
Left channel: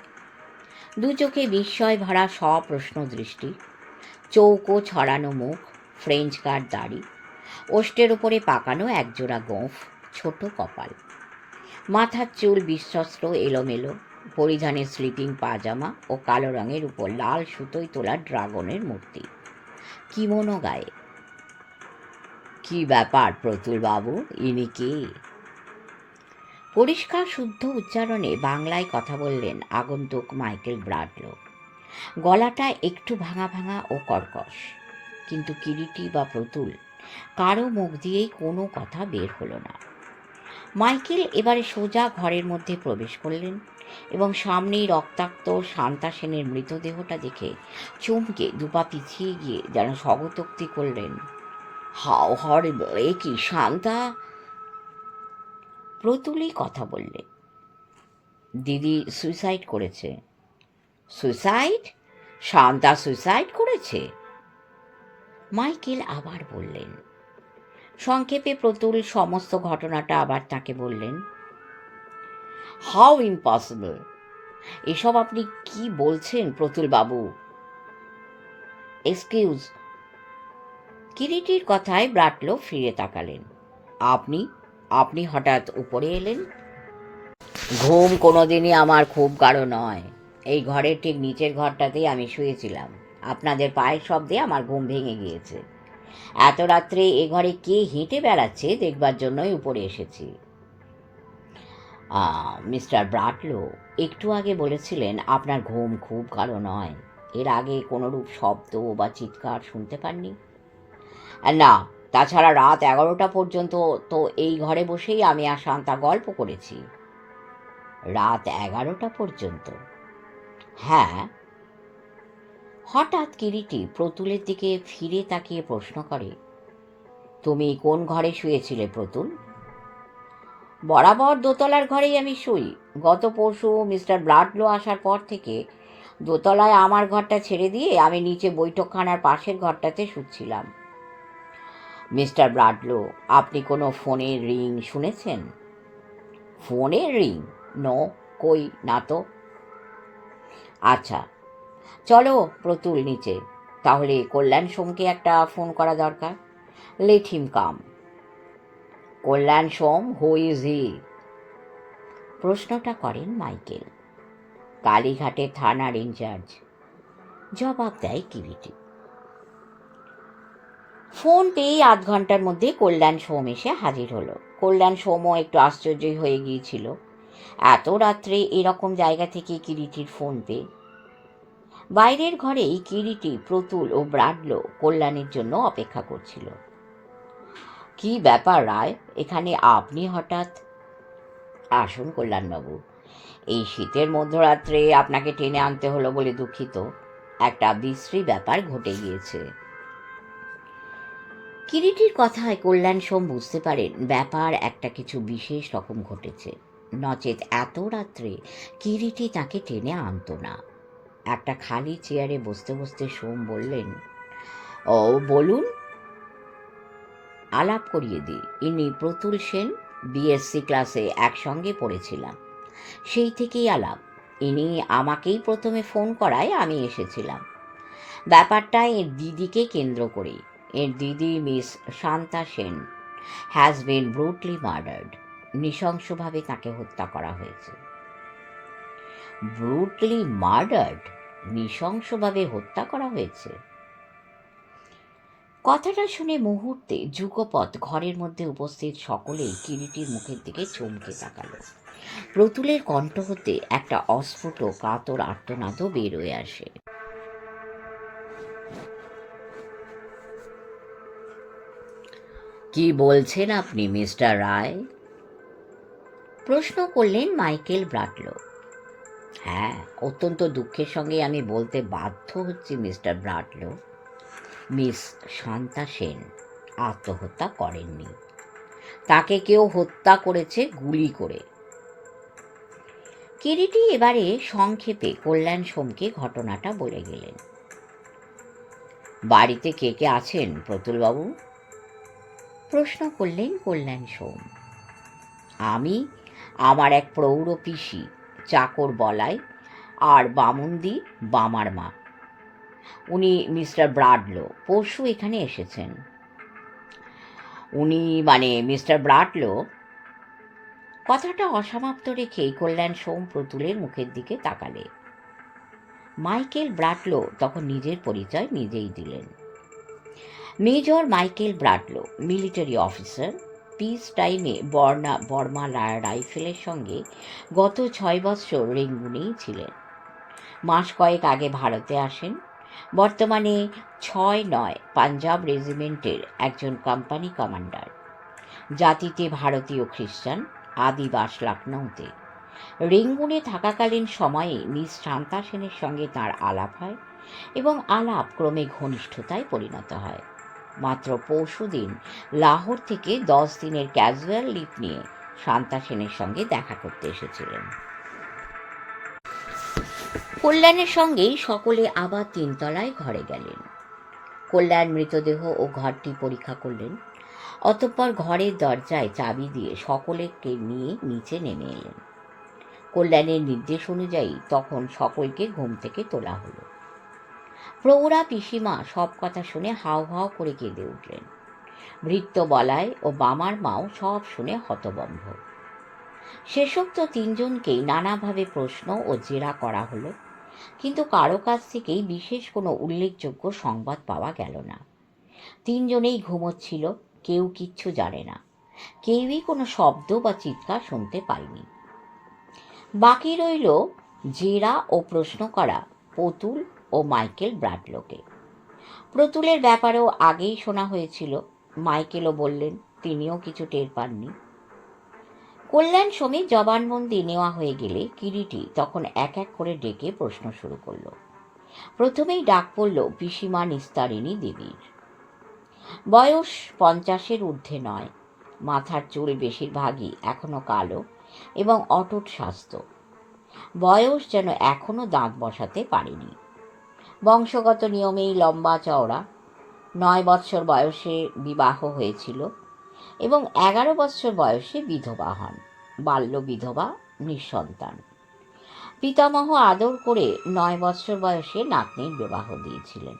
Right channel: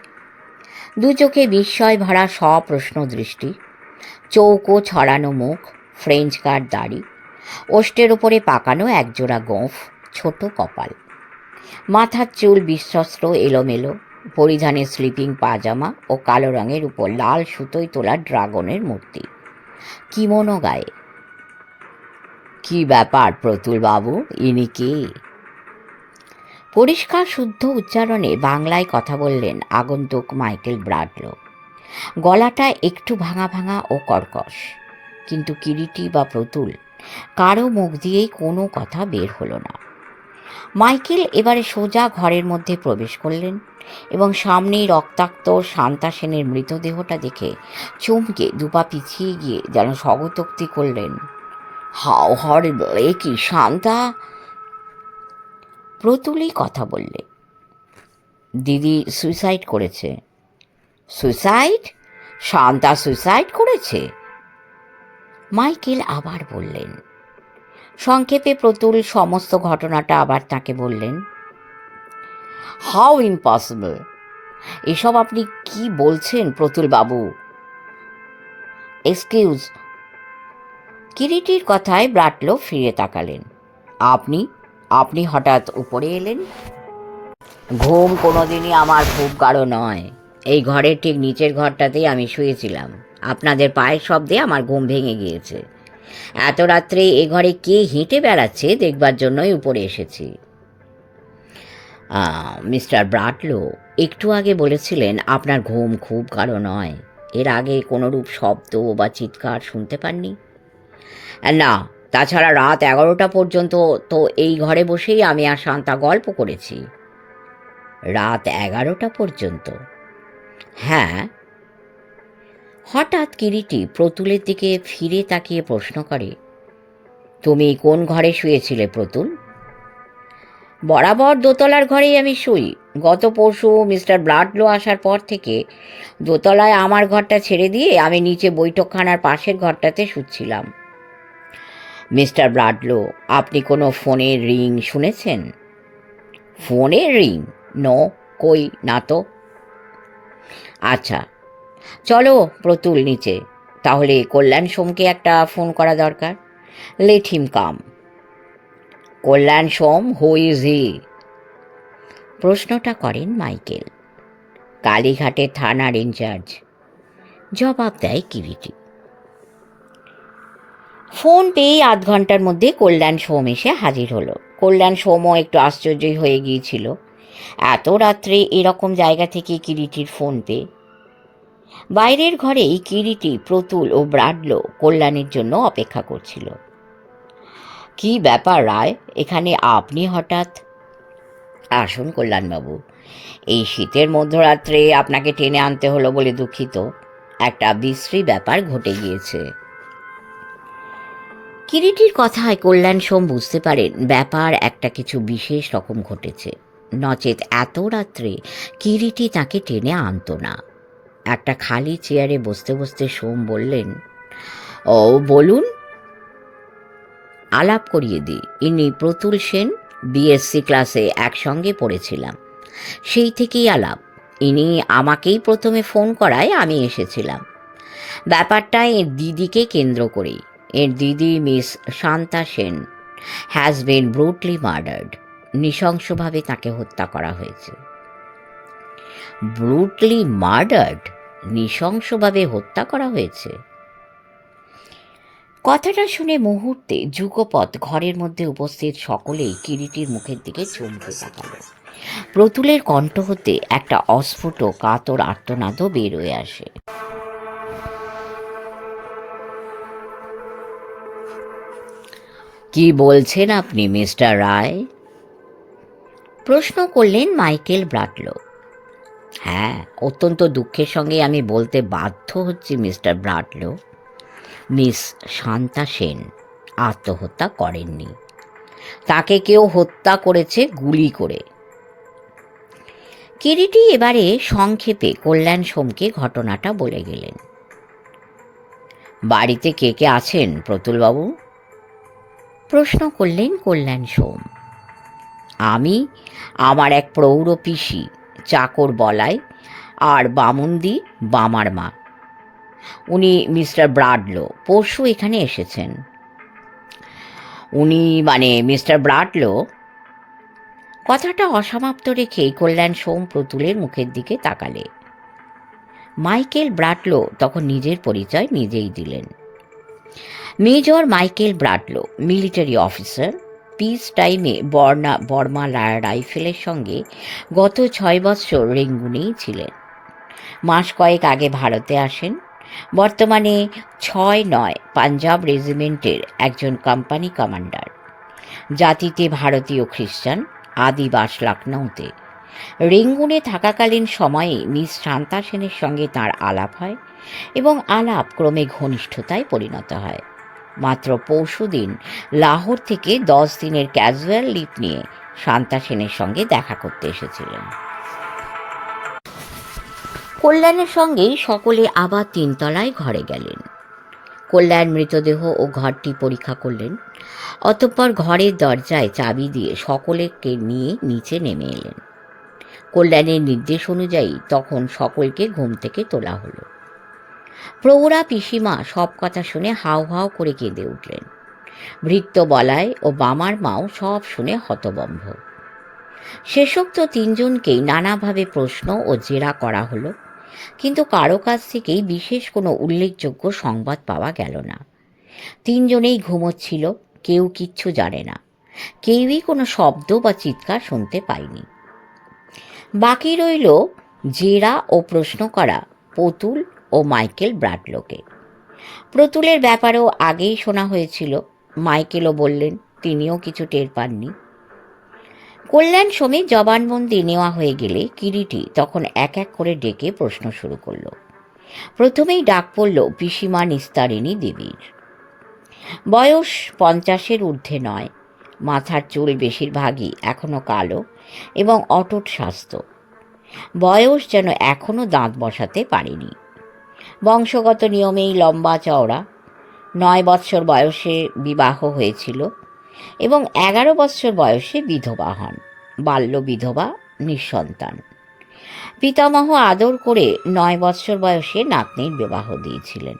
দু চোখে বিস্ময় ভরা সপ্রশ্ন দৃষ্টি, চৌকো ছড়ানো মুখ, ফ্রেঞ্চ কাট দাড়ি, ওষ্ঠের ওপরে পাকানো একজোড়া গোঁফ, ছোট কপাল, মাথার চুল বিশ্বস্ত্র এলোমেলো, পরিধানে স্লিপিং পাজামা ও কালো রঙের উপর লাল সুতোয় তোলা ড্রাগনের মূর্তি, কিমোনো গায়ে। কি ব্যাপার প্রতুল বাবু, ইনি কে? পরিষ্কার শুদ্ধ উচ্চারণে বাংলায় কথা বললেন আগন্তুক মাইকেল ব্রাডলো। গলাটা একটু ভাঙা ভাঙা ও কর্কশ, কিন্তু কিরিটি বা প্রতুল কারো মুখ দিয়েই কোনো কথা বের হলো না। মাইকেল এবারে সোজা ঘরের মধ্যে প্রবেশ করলেন এবং সামনেই রক্তাক্ত শান্তা সেনের মৃতদেহটা দেখে চমকে দুপা পিছিয়ে গিয়ে যেন স্বগতোক্তি করলেন, হাউ হরিবল! এ কি শান্তা? প্রতুলই কথা বললে, দিদি সুইসাইড করেছে। সুইসাইড? শান্তা সুইসাইড করেছে? মাইকেল আবার বললেন। সংক্ষেপে প্রতুল সমস্ত ঘটনাটা আবার তাকে বললেন। How impossible! এসব আপনি কি বলছেন প্রতুল বাবু? এক্সকিউজ। কিরিটির কথায় ব্রাটলো ফিরে তাকালেন। আপনি আপনি হঠাৎ উপরে এলেন? ঘুম কোনোদিনই আমার খুব গাঢ় নয়। এই ঘরের ঠিক নিচের ঘরটাতেই আমি শুয়েছিলাম। আপনাদের পায়ের শব্দে আমার ঘুম ভেঙে গিয়েছে। এত রাত্রে এ ঘরে কে হেঁটে বেড়াচ্ছে দেখবার জন্যই উপরে এসেছি। মিস্টার ব্রাটলো একটু আগে বলেছিলেন আপনার ঘুম খুব গাঢ় নয়। এর আগে কোনোরূপ শব্দ বা চিৎকার শুনতে পাননি? না, তাছাড়া রাত 11টা পর্যন্ত তো এই ঘরে বসেই আমি আর শান্তা গল্প করেছি। রাত 11টা পর্যন্ত? হ্যাঁ। হঠাৎ কিরিটি প্রতুলের দিকে ফিরে তাকিয়ে প্রশ্ন করে, তুমি কোন ঘরে শুয়েছিলে প্রতুল? বরাবর দোতলার ঘরেই আমি শুই। গত পরশু মিস্টার ব্রাডলো আসার পর থেকে দোতলায় আমার ঘরটা ছেড়ে দিয়ে আমি নিচে বৈঠকখানার পাশের ঘরটাতে শুচ্ছিলাম। মিস্টার ব্রাডলো, আপনি কোনো ফোনের রিং শুনেছেন? ফোনের রিং? নো, কই না তো। আচ্ছা, চলো প্রতুল নিচে। তাহলে কল্যাণ সোমকে একটা ফোন করা দরকার। Let him come. Kalyan Som, who is he? প্রশ্নটা করেন মাইকেল, কালীঘাটের থানার ইনচার্জ। জবাব দেয় কিরিটি। ফোন পেয়ে আধ ঘন্টার মধ্যে কল্যাণ সোম এসে হাজির হলো। কল্যাণ সোমও একটু আশ্চর্যই হয়ে গিয়েছিল এত রাত্রে এরকম জায়গা থেকে কিরিটির ফোন পেয়ে। বাইরের ঘরেই কিরিটি, প্রতুল ও ব্রাডলো কল্যাণের জন্য অপেক্ষা করছিল। কি ব্যাপার রায়, এখানে আপনি হঠাৎ? আসুন কল্যাণবাবু, এই শীতের মধ্যরাত্রে আপনাকে টেনে আনতে হলো বলে দুঃখিত। একটা বিশ্রী ব্যাপার ঘটে গিয়েছে। কিরিটির কথায় কল্যাণ সোম বুঝতে পারেন ব্যাপার একটা কিছু বিশেষ রকম ঘটেছে, নচেত এত রাত্রে কিরিটি তাকে টেনে আনতো না। একটা খালি চেয়ারে বসতে বসতে সোম বললেন, ও বলুন। আলাপ করিয়ে দিই, ইনি প্রতুল সেন, বিএসসি ক্লাসে একসঙ্গে পড়েছিলাম। সেই থেকেই আলাপ। ইনি আমাকেই প্রথমে ফোন করায় আমি এসেছিলাম। ব্যাপারটা এর দিদিকে কেন্দ্র করেই। এর দিদি miss Shanta Sen has been brutally murdered. নৃশংসভাবে তাকে হত্যা করা হয়েছে। Brutally murdered? নৃশংসভাবে হত্যা করা হয়েছে? কথাটা শুনে মুহূর্তে যুগপৎ ঘরের মধ্যে উপস্থিত সকলেই কিরিটির মুখের দিকে চমকে তাকাল। প্রতুলের কণ্ঠ হতে একটা অস্ফুট কাতর আর্তনাদও বের হয়ে আসে। কি বলছেন আপনি মিস্টার রায়? প্রশ্ন করলেন মাইকেল ব্রাডলো। হ্যাঁ, অত্যন্ত দুঃখের সঙ্গে আমি বলতে বাধ্য হচ্ছি মিস্টার ব্রাডলো, মিস শান্তা সেন আত্মহত্যা করেননি। তাকে কেউ হত্যা করেছে গুলি করে। কিরিটি এবারে সংক্ষেপে কল্যাণ সোমকে ঘটনাটা বলে গেলেন। বাড়িতে কে কে আছেন প্রতুলবাবু? প্রশ্ন করলেন কল্যাণ সোম। আমি, আমার এক প্রৌঢ় পিসি, চাকর বলাই, আর বামুন্দি বামার মা। উনি মিস্টার ব্রাডলো, পরশু এখানে এসেছেন। উনি মানে মিস্টার ব্রাডলো? কথাটা অসমাপ্ত রেখেই কল্যাণ সোম প্রতুলের মুখের দিকে তাকালে। মাইকেল ব্রাডলো তখন নিজের পরিচয় নিজেই দিলেন। Major Michael Bradlow, military officer, peace টাইমে বর্মা রাইফেলের সঙ্গে গত 6 বৎসর রেঙ্গুনেই ছিলেন। মাস কয়েক আগে ভারতে আসেন। বর্তমানে 6 পাঞ্জাব রেজিমেন্টের একজন কোম্পানি কমান্ডার। জাতিতে ভারতীয় খ্রিস্টান, আদিবাস লখনৌতে। রেঙ্গুনে থাকাকালীন সময়ে মিস শান্তা সেনের সঙ্গে তাঁর আলাপ হয় এবং আলাপ ক্রমে ঘনিষ্ঠতায় পরিণত হয়। মাত্র পরশুদিন লাহোর থেকে 10 দিনের ক্যাজুয়াল লিভ নিয়ে শান্তা সেনের সঙ্গে দেখা করতে এসেছিলেন। কল্যাণের সঙ্গেই সকলে আবার 3 তলায় ঘরে গেলেন। কল্যাণ মৃতদেহ ও ঘরটি পরীক্ষা করলেন। অতঃপর ঘরের দরজায় চাবি দিয়ে সকলকে নিয়ে নিচে নেমে এলেন। কল্যাণের নির্দেশ অনুযায়ী তখন সকলকে ঘুম থেকে তোলা হলো। প্রৌঢ়া পিসিমা সব কথা শুনে হাউ হাউ করে কেঁদে উঠলেন। ভৃত্য বলাই ও বামার মাও সব শুনে হতবম্ব। শেষোক্ত 3 জনকেই নানাভাবে প্রশ্ন ও জেরা করা হলো, কিন্তু কারো কাছ থেকেই বিশেষ কোনো উল্লেখযোগ্য সংবাদ পাওয়া গেল না। 3 জনেই ঘুমোচ্ছিল, কেউ কিচ্ছু জানে না, কেউই কোনো শব্দ বা চিৎকার শুনতে পায়নি। বাকি রইল জেরা ও প্রশ্ন করা প্রতুল ও মাইকেল ব্রাডলোকে। প্রতুলের ব্যাপারেও আগেই শোনা হয়েছিল। মাইকেলও বললেন তিনিও কিছু টের পাননি। কল্যাণ সোমের জবানবন্দি নেওয়া হয়ে গেলে কিরিটি তখন এক এক করে ডেকে প্রশ্ন শুরু করল। প্রথমেই ডাক পড়ল পিসিমা নিস্তারিণী দেবীর। বয়স 50-এর ঊর্ধ্বে নয়, মাথার চুল বেশিরভাগই এখনো কালো এবং অটুট স্বাস্থ্য। বয়স যেন এখনো দাঁত বসাতে পারেনি। বংশগত নিয়মেই লম্বা চওড়া। 9 বৎসর বয়সে বিবাহ হয়েছিল এবং 11 বৎসর বয়সে বিধবা হন। বাল্য বিধবা, নিঃসন্তান। পিতামহ আদর করে 9 বৎসর বয়সে নাতনির বিবাহ দিয়েছিলেন।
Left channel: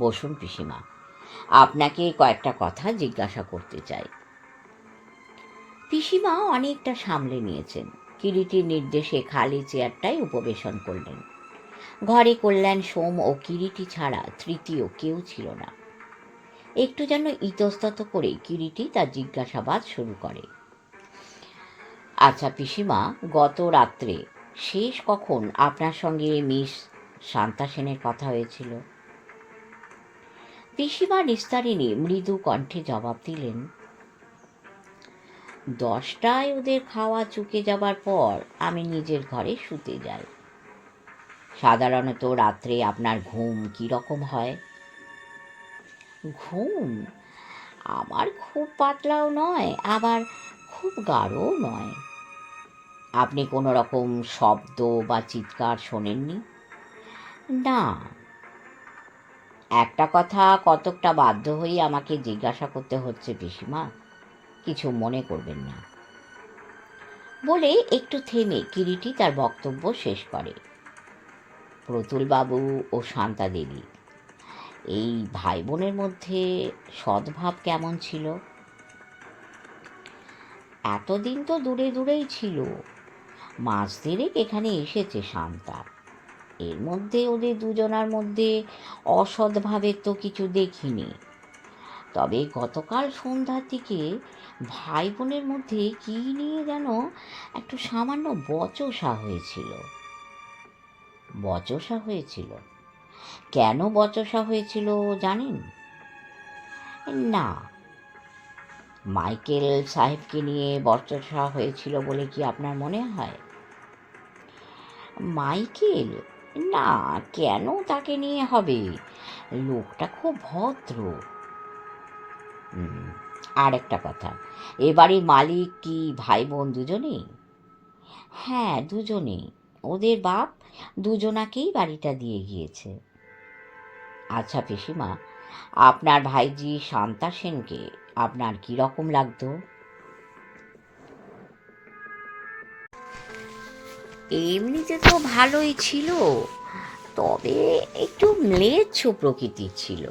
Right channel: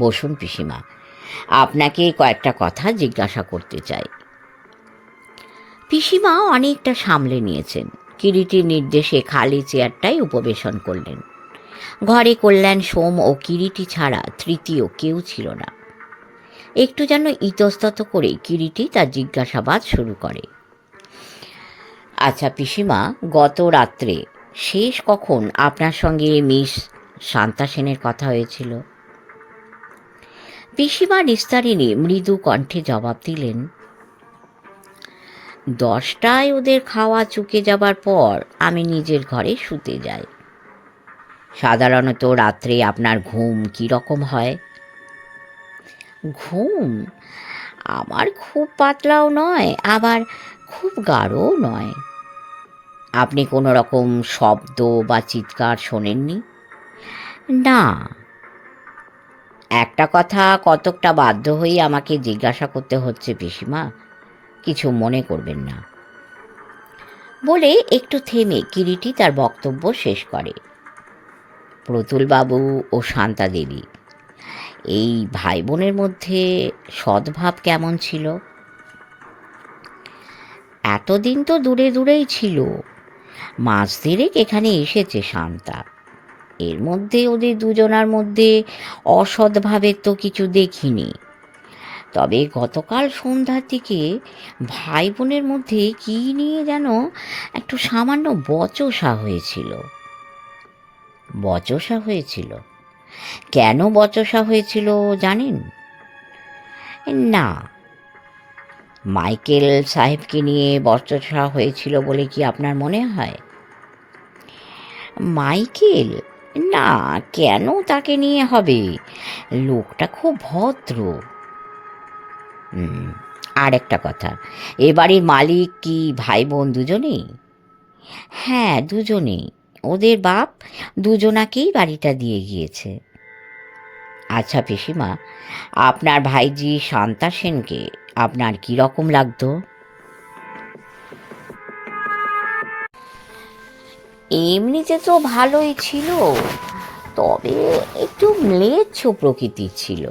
বসুন পিসিমা, আপনাকে কয়েকটা কথা জিজ্ঞাসা করতে চাই। পিসিমা অনেকটা সামলে নিয়েছেন। কিরিটির নির্দেশে খালি চেয়ারটাই উপবেশন করলেন। ঘরে কল্যাণ সোম ও কিরিটি ছাড়া তৃতীয় কেউ ছিল না। একটু যেন ইতস্তত করে কিরিটি তার জিজ্ঞাসাবাদ শুরু করে। আচ্ছা পিসিমা, গত রাত্রে শেষ কখন আপনার সঙ্গে মিস শান্তা সেনের কথা হয়েছিল? পিসিমা নিস্তারিণী মৃদু কণ্ঠে জবাব দিলেন, 10টায় ওদের খাওয়া চুকে যাবার পর আমি নিজের ঘরে শুতে যাই। সাধারণত রাত্রে আপনার ঘুম কী রকম হয়? ঘুম আমার খুব পাতলাও নয়, আবার খুব গাঢ়ও নয়। আপনি কোনো রকম শব্দ বা চিৎকার শোনেননি? না। একটা কথা কতকটা বাধ্য হয়েই আমাকে জিজ্ঞাসা করতে হচ্ছে পিসিমা, কিছু মনে করবেন না। বলে একটু থেমে কিরিটি তার বক্তব্য শেষ করে। প্রতুলবাবু ও শান্তা দেবী, এই ভাই বোনের মধ্যে সদ্ভাব কেমন ছিল? এতদিন তো দূরে দূরেই ছিল। মাস দেড়েক এখানে এসেছে শান্তা। এর মধ্যে ওদের দুজনার মধ্যে অসদ্ভাবের তো কিছু দেখিনি। তবে গতকাল সন্ধ্যার দিকে ভাই বোনের মধ্যে কী নিয়ে যেন একটু সামান্য বচসা হয়েছিল। বচসা হয়েছিল? কেন বচসা হয়েছিল জানেন? না। মাইকেল সাহেবকে নিয়ে বচসা হয়েছিল বলে কি আপনার মনে হয়? মাইকেল? না, কেন তাকে নিয়ে হবে? লোকটা খুব ভদ্র। আর একটা কথা, এ বাড়ির মালিক কি ভাই বোন দুজনেই? হ্যাঁ, দুজনেই। ওদের বাপ দুজনাকেই বাড়িটা দিয়ে গিয়েছে। আচ্ছা পিসিমা, আপনার ভাইজি শান্তা সেনকে আপনার কী রকম লাগতো? এমনিতে তো ভালোই ছিল, তবে একটু ম্লেচ্ছ প্রকৃতির ছিল।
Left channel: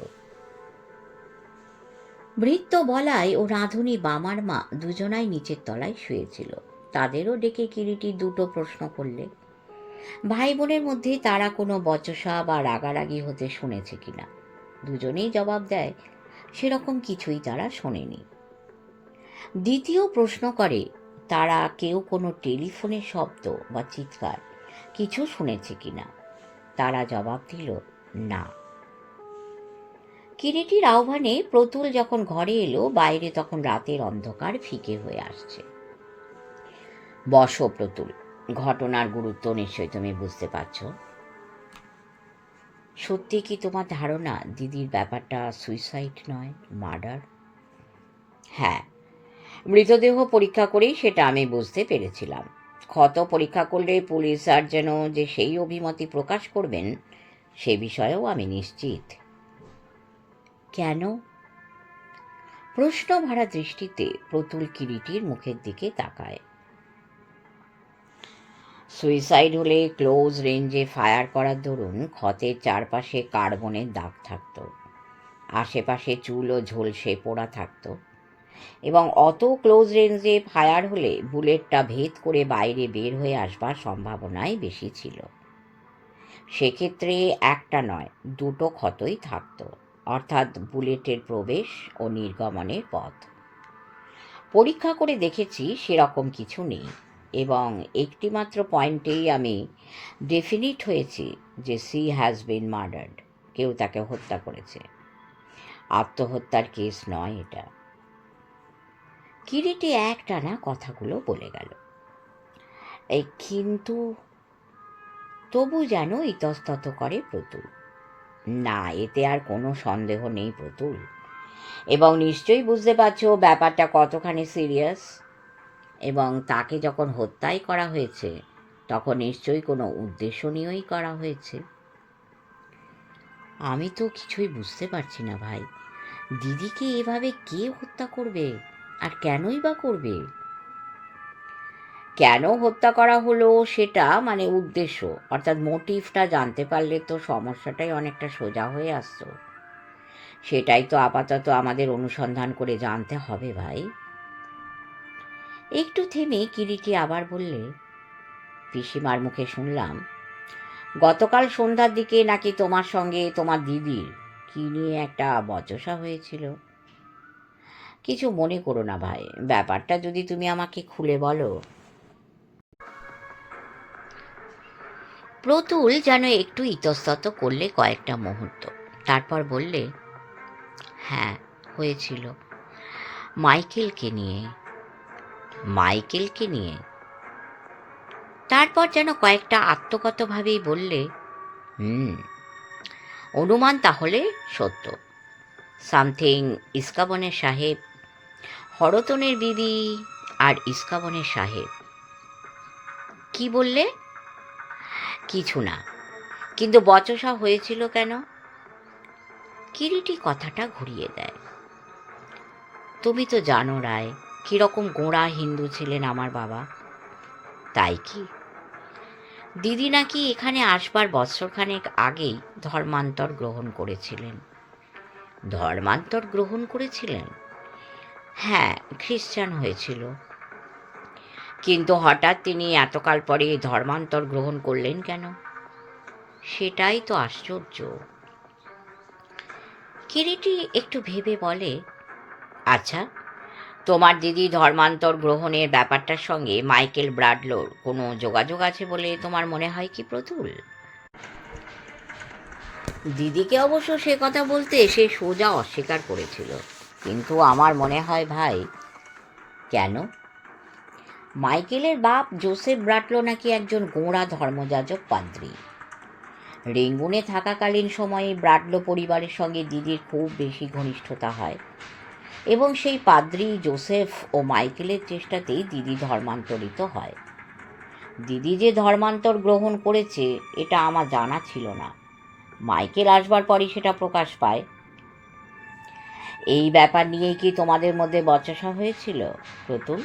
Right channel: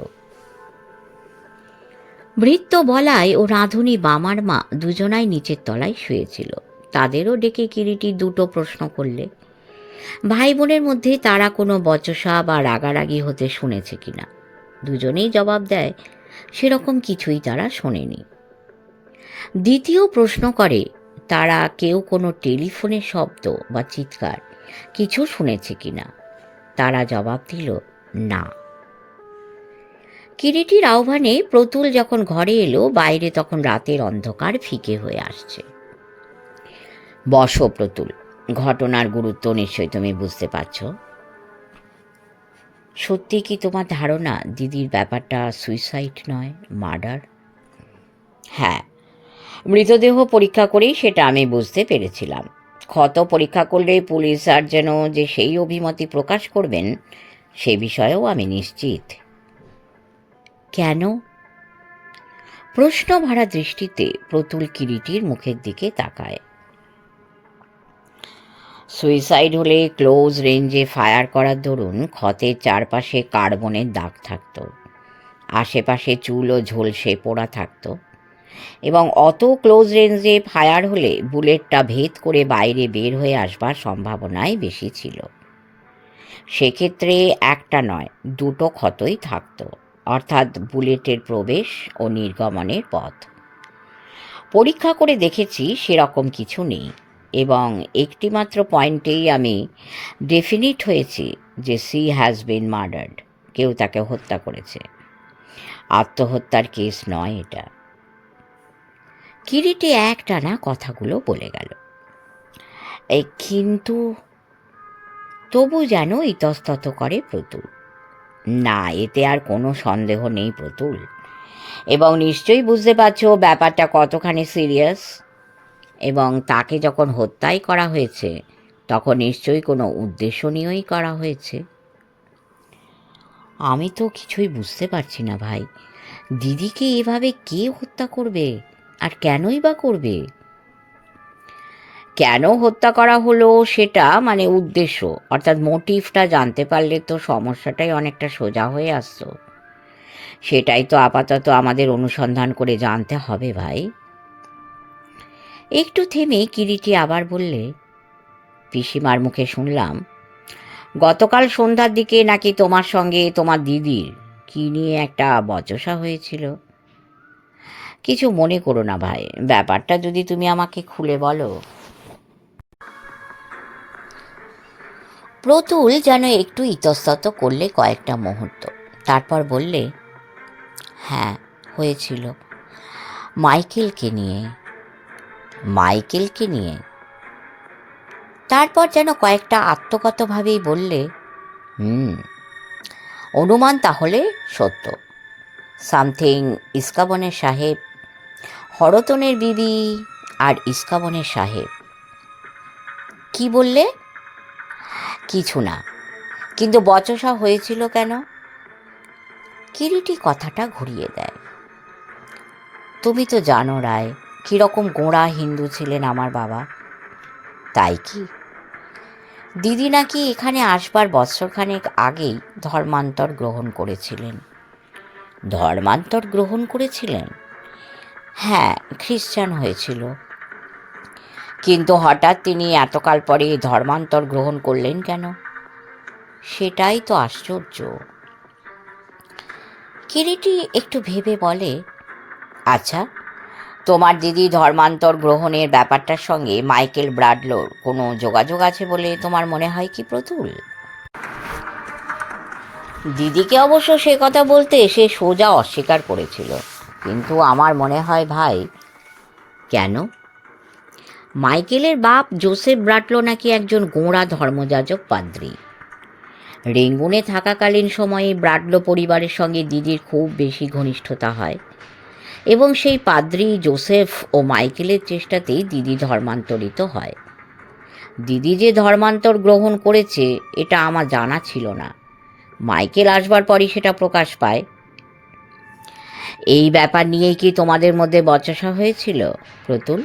ভৃত্য বলায় ও রাঁধুনি বামার মা দুজনাই নিচের তলায় শুয়েছিল। তাদেরও ডেকে কিরিটি দুটো প্রশ্ন করলে, ভাই বোনের মধ্যে তারা কোনো বচসা বা রাগারাগি হতে শুনেছে কিনা। দুজনেই জবাব দেয় সেরকম কিছুই তারা শোনেনি। দ্বিতীয় প্রশ্ন করে তারা কেউ কোনো টেলিফোনের শব্দ বা চিৎকার কিছু শুনেছে কিনা। তারা জবাব দিল না। কিরিটির আহ্বানে প্রতুল যখন ঘরে এলো, বাইরে তখন রাতের অন্ধকার ফিকে হয়ে আসছে। বসো প্রতুল, ঘটনার গুরুত্ব নিশ্চয়ই তুমি বুঝতে পারছ। সত্যি কি তোমার ধারণা দিদির ব্যাপারটা সুইসাইড নয়, মার্ডার? হ্যাঁ, মৃতদেহ পরীক্ষা করেই সেটা আমি বুঝতে পেরেছিলাম। ক্ষত পরীক্ষা করলে পুলিশ সার্জনও যে সেই অভিমতি প্রকাশ করবেন সে বিষয়েও আমি নিশ্চিত। কেন? প্রশ্ন ভরা দৃষ্টিতে প্রতুল কিরিটির মুখের দিকে তাকায়। সুইসাইড হলে ক্লোজ রেঞ্জে ফায়ার করার দরুন ক্ষতের চারপাশে কার্বনের দাগ থাকত, আশেপাশে চুল ও ঝলসে পোড়া থাকত, এবং অত ক্লোজ রেঞ্জে ফায়ার হলে বুলেটটা ভেদ করে বাইরে বের হয়ে আসবার সম্ভাবনাই বেশি ছিল। সেক্ষেত্রে একটা নয়, দুটো ক্ষতই থাকত, অর্থাৎ বুলেটের প্রবেশ ও নির্গমনের পথ। পরীক্ষা করে দেখেছি সেরকম কিছু নেই, এবং একটিমাত্র পয়েন্টেই আমি ডেফিনিট হয়েছি যে সি হ্যাজ বিন মার্ডার্ড, কেউ তাকে হত্যা করেছে। আত্মহত্যার কেস নয় এটা। কিরিটি একটানা কথাগুলো বলে গেল। এই কিন্তু, তবু যেন ইতস্তত করে প্রতুল। না, এতে আর কোনো সন্দেহ নেই প্রতুল, এবং নিশ্চয়ই বুঝতে পারছো ব্যাপারটা কতখানি সিরিয়াস। এবং তাকে যখন হত্যাই করা হয়েছে তখন নিশ্চয়ই কোনো উদ্দেশ্য নিয়েই করা হয়েছে। আমি তো কিছুই বুঝতে পারছি না ভাই, দিদিকে এভাবে কে হত্যা করবে, আর কেনই বা করবে? কেন হত্যা করা হলো সেটা, মানে উদ্দেশ্য অর্থাৎ মোটিভটা জানতে পারলে তো সমস্যাটাই অনেকটা সোজা হয়ে আসতো। সেটাই তো আপাতত আমাদের অনুসন্ধান করে জানতে হবে ভাই। একটু থেমে কিরিটি আবার বললে, পিসিমার মুখে শুনলাম গতকাল সন্ধ্যার দিকে নাকি তোমার সঙ্গে তোমার দিদির কি নিয়ে একটা বচসা হয়েছিল। কিছু মনে করো না ভাই, ব্যাপারটা যদি তুমি আমাকে খুলে বলো। প্রতুল যেন একটু ইতস্তত করলে কয়েকটা মুহূর্ত, তারপর বললে, হ্যাঁ হয়েছিল, মাইকেলকে নিয়ে। মাইকেলকে নিয়ে? তারপর যেন কয়েকটা আত্মগতভাবেই বললে, অনুমান তাহলে সত্য। সামথিং ইস্কাবনের সাহেব, হরতনের বিবি আর ইস্কাবনের সাহেব। কি বললে? কিছু না, কিন্তু বচসা হয়েছিল কেন? কিরিটি কথাটা ঘুরিয়ে দেয়। তুমি তো জানো রায়, কীরকম গোঁড়া হিন্দু ছিলেন আমার বাবা। তাই কি? দিদি নাকি এখানে আসবার বৎসরখানেক আগেই ধর্মান্তর গ্রহণ করেছিলেন। ধর্মান্তর গ্রহণ করেছিলেন? হ্যাঁ, খ্রিস্টান হয়েছিল। কিন্তু হঠাৎ তিনি এতকাল পরে ধর্মান্তর গ্রহণ করলেন কেন? সেটাই তো আশ্চর্য। কিরিটি একটু ভেবে বলে, আচ্ছা, তোমার দিদি ধর্মান্তর গ্রহণের ব্যাপারটার সঙ্গে মাইকেল ব্রাডলোর কোনো যোগাযোগ আছে বলে তোমার মনে হয় কি প্রতুল? দিদিকে অবশ্য সে কথা বলতে সে সোজা অস্বীকার করেছিল, কিন্তু আমার মনে হয় ভাই। কেন? মাইকেলের বাপ জোসেফ ব্রাটলো নাকি একজন গোঁড়া ধর্মযাজক পাদ্রী। রেঙ্গুনে থাকাকালীন সময়ে ব্রাডলো পরিবারের সঙ্গে দিদির খুব বেশি ঘনিষ্ঠতা হয়, এবং সেই পাদ্রী জোসেফ ও মাইকেলের চেষ্টাতেই দিদি ধর্মান্তরিত হয়। দিদি যে ধর্মান্তর গ্রহণ করেছে এটা আমার জানা ছিল না। মাইকেল আসবার পরই সেটা প্রকাশ পায়। এই ব্যাপার নিয়েই কি তোমাদের মধ্যে বচসা হয়েছিল, প্রতুল?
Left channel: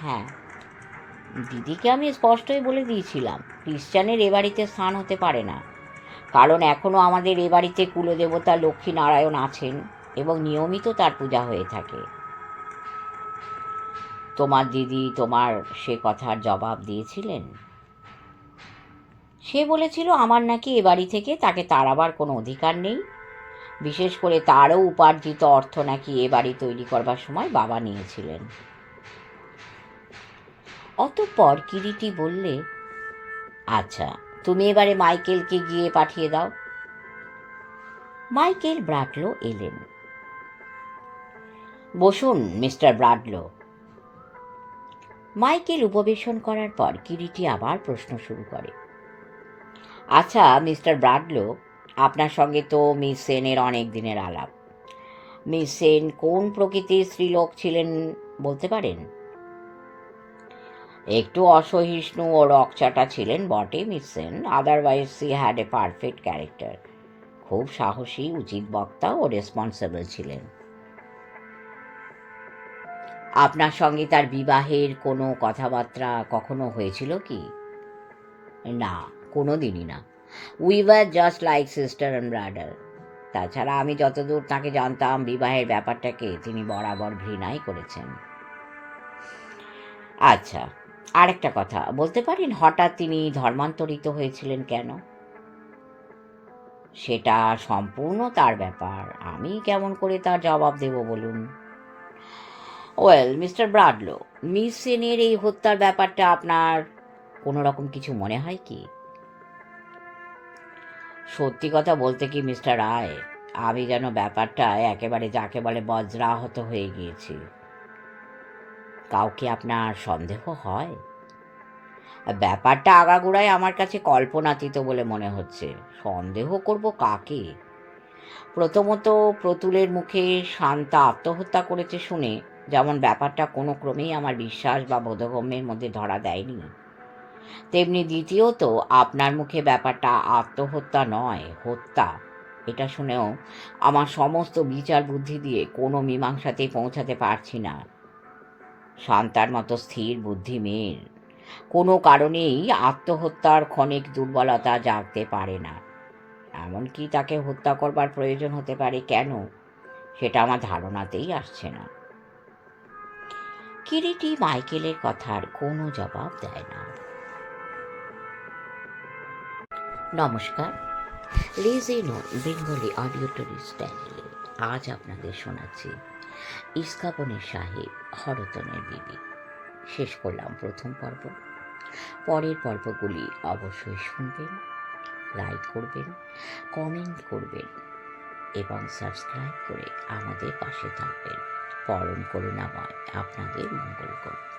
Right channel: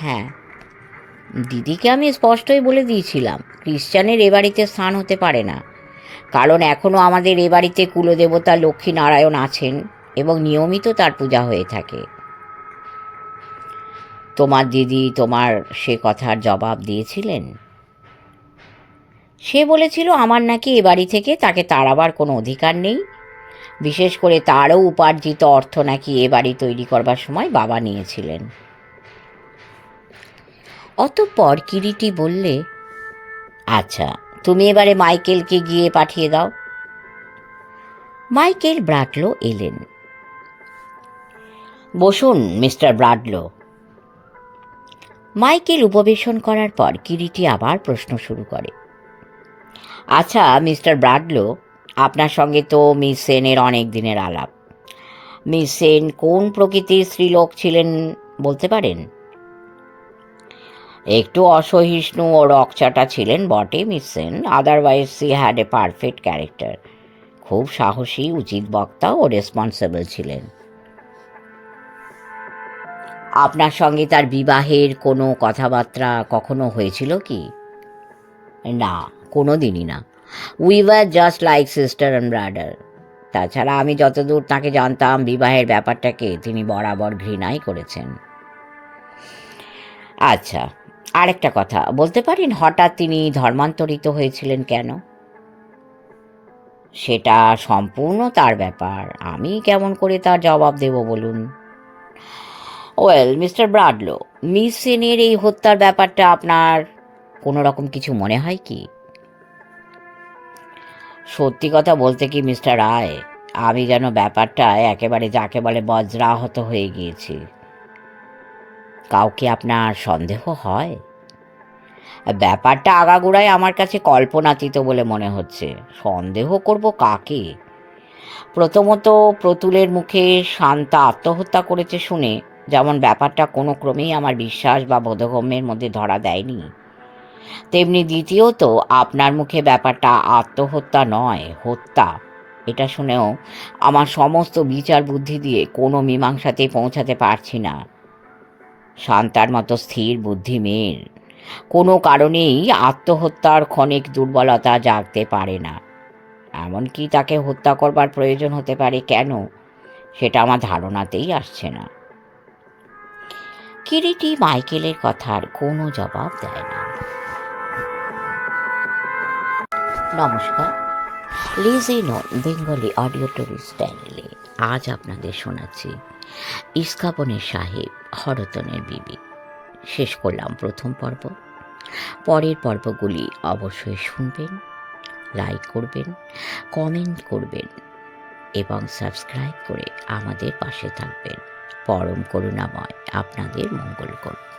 হ্যাঁ, দিদিকে আমি স্পষ্টই বলে দিয়েছিলাম ক্রিশ্চানের এ বাড়িতে স্থান হতে পারে না, কারণ এখনও আমাদের এ বাড়িতে কুলদেবতা লক্ষ্মী নারায়ণ আছেন এবং নিয়মিত তার পূজা হয়ে থাকে। তোমার দিদি তোমার সে কথার জবাব দিয়েছিলেন? সে বলেছিল আমার নাকি এ বাড়ি থেকে তাকে তাড়াবার কোনো অধিকার নেই, বিশেষ করে তারও উপার্জিত অর্থ নাকি এ বাড়ি তৈরি করবার সময় বাবা নিয়েছিলেন। অতঃপর কিরিটি বললে, আচ্ছা, তুমি এবারে মাইকেলকে গিয়ে পাঠিয়ে দাও। মাইকেল ব্রাডলো এলেন। বসুন মিস্টার ব্রাডলো। মাইকেল উপবেশন করার পর কিরিটি আবার প্রশ্ন শুরু করে, আচ্ছা মিস্টার ব্রাডলো, আপনার সঙ্গে তো মিস সেনের অনেক দিনের আলাপ। মিস সেন কোন প্রকৃতির স্ত্রীলোক ছিলেন বলতে পারেন? একটু অসহিষ্ণু ও রকচাটা ছিলেন বটে miss Sen, otherwise she had a perfect character. খুব সাহসী, উচিত বক্তা ও রেসপন্সিবল ছিলেন। আপনার সঙ্গে তার বিবাহের কোনো কথাবার্তা কখনো হয়েছিল কি? না, কোনো দিনই না। We were just like sister and brother. তাছাড়া আমি যতদূর তাকে জানতাম বিবাহের ব্যাপারটাকে তিনি বরাবর ঘৃণাই করেছেন। আচ্ছা, আরেকটা কথা বলতে পারেন, হঠাৎ তিনি ধর্মান্তরিত হয়েছিলেন কেন? সেটা সম্পূর্ণ তার ব্যাপার, আমি কেমন করে তার জবাব দেব বলুন? ওয়েল মিস্টার ব্রাডলো, মিস সেনের এই হত্যার ব্যাপারটা আপনার কোনো রকম কিছু মনে হয় কি? সত্যি কথা বলতে কি মিস্টার রায়, আমি যেন ব্যাপারটা একেবারে যাকে বলে বজ্রাহত হয়ে গিয়েছি। কাউকে আপনার সন্দেহ হয়? ব্যাপারটা আগাগোড়ায় আমার কাছে কল্পনাতীত বলে মনে হচ্ছে। সন্দেহ করব কাকে? প্রথমত, প্রতুলের মুখে শান্তা আত্মহত্যা করেছে শুনে যেমন ব্যাপারটা কোনো ক্রমেই আমার বিশ্বাস বা বোধগম্যের মধ্যে ধরা দেয়নি, তেমনি দ্বিতীয়ত আপনার মুখে ব্যাপারটা আত্মহত্যা নয় হত্যা, এটা শুনেও আমার সমস্ত বিচার বুদ্ধি দিয়ে কোনো মীমাংসাতেই পৌঁছাতে পারছি না। শান্তার মতো স্থির বুদ্ধি মেয়ের কোনো কারণেই আত্মহত্যার ক্ষণিক দুর্বলতা জাগতে পারে না। এমনকি তাকে হত্যা করবার প্রয়োজন হতে পারে কেন, সেটা আমার ধারণাতেই আসছে না। কিরিটি মাইকেলের কথার কোনো জবাব দেয় না। নমস্কার, লিজি নন বেঙ্গলি অডিও টুরিস্ট চ্যানেলে আজ আপনাদের শোনাচ্ছি ইস্কাপনের সাহেব হরতনের বিবি। শেষ করলাম প্রথম পর্ব। পরের পর্বগুলি অবশ্যই শুনবেন, লাইক করবেন, কমেন্ট করবেন এবং সাবস্ক্রাইব করে আমাদের পাশে থাকবেন। পরম করুণাময় আপনাদের মঙ্গল করুন।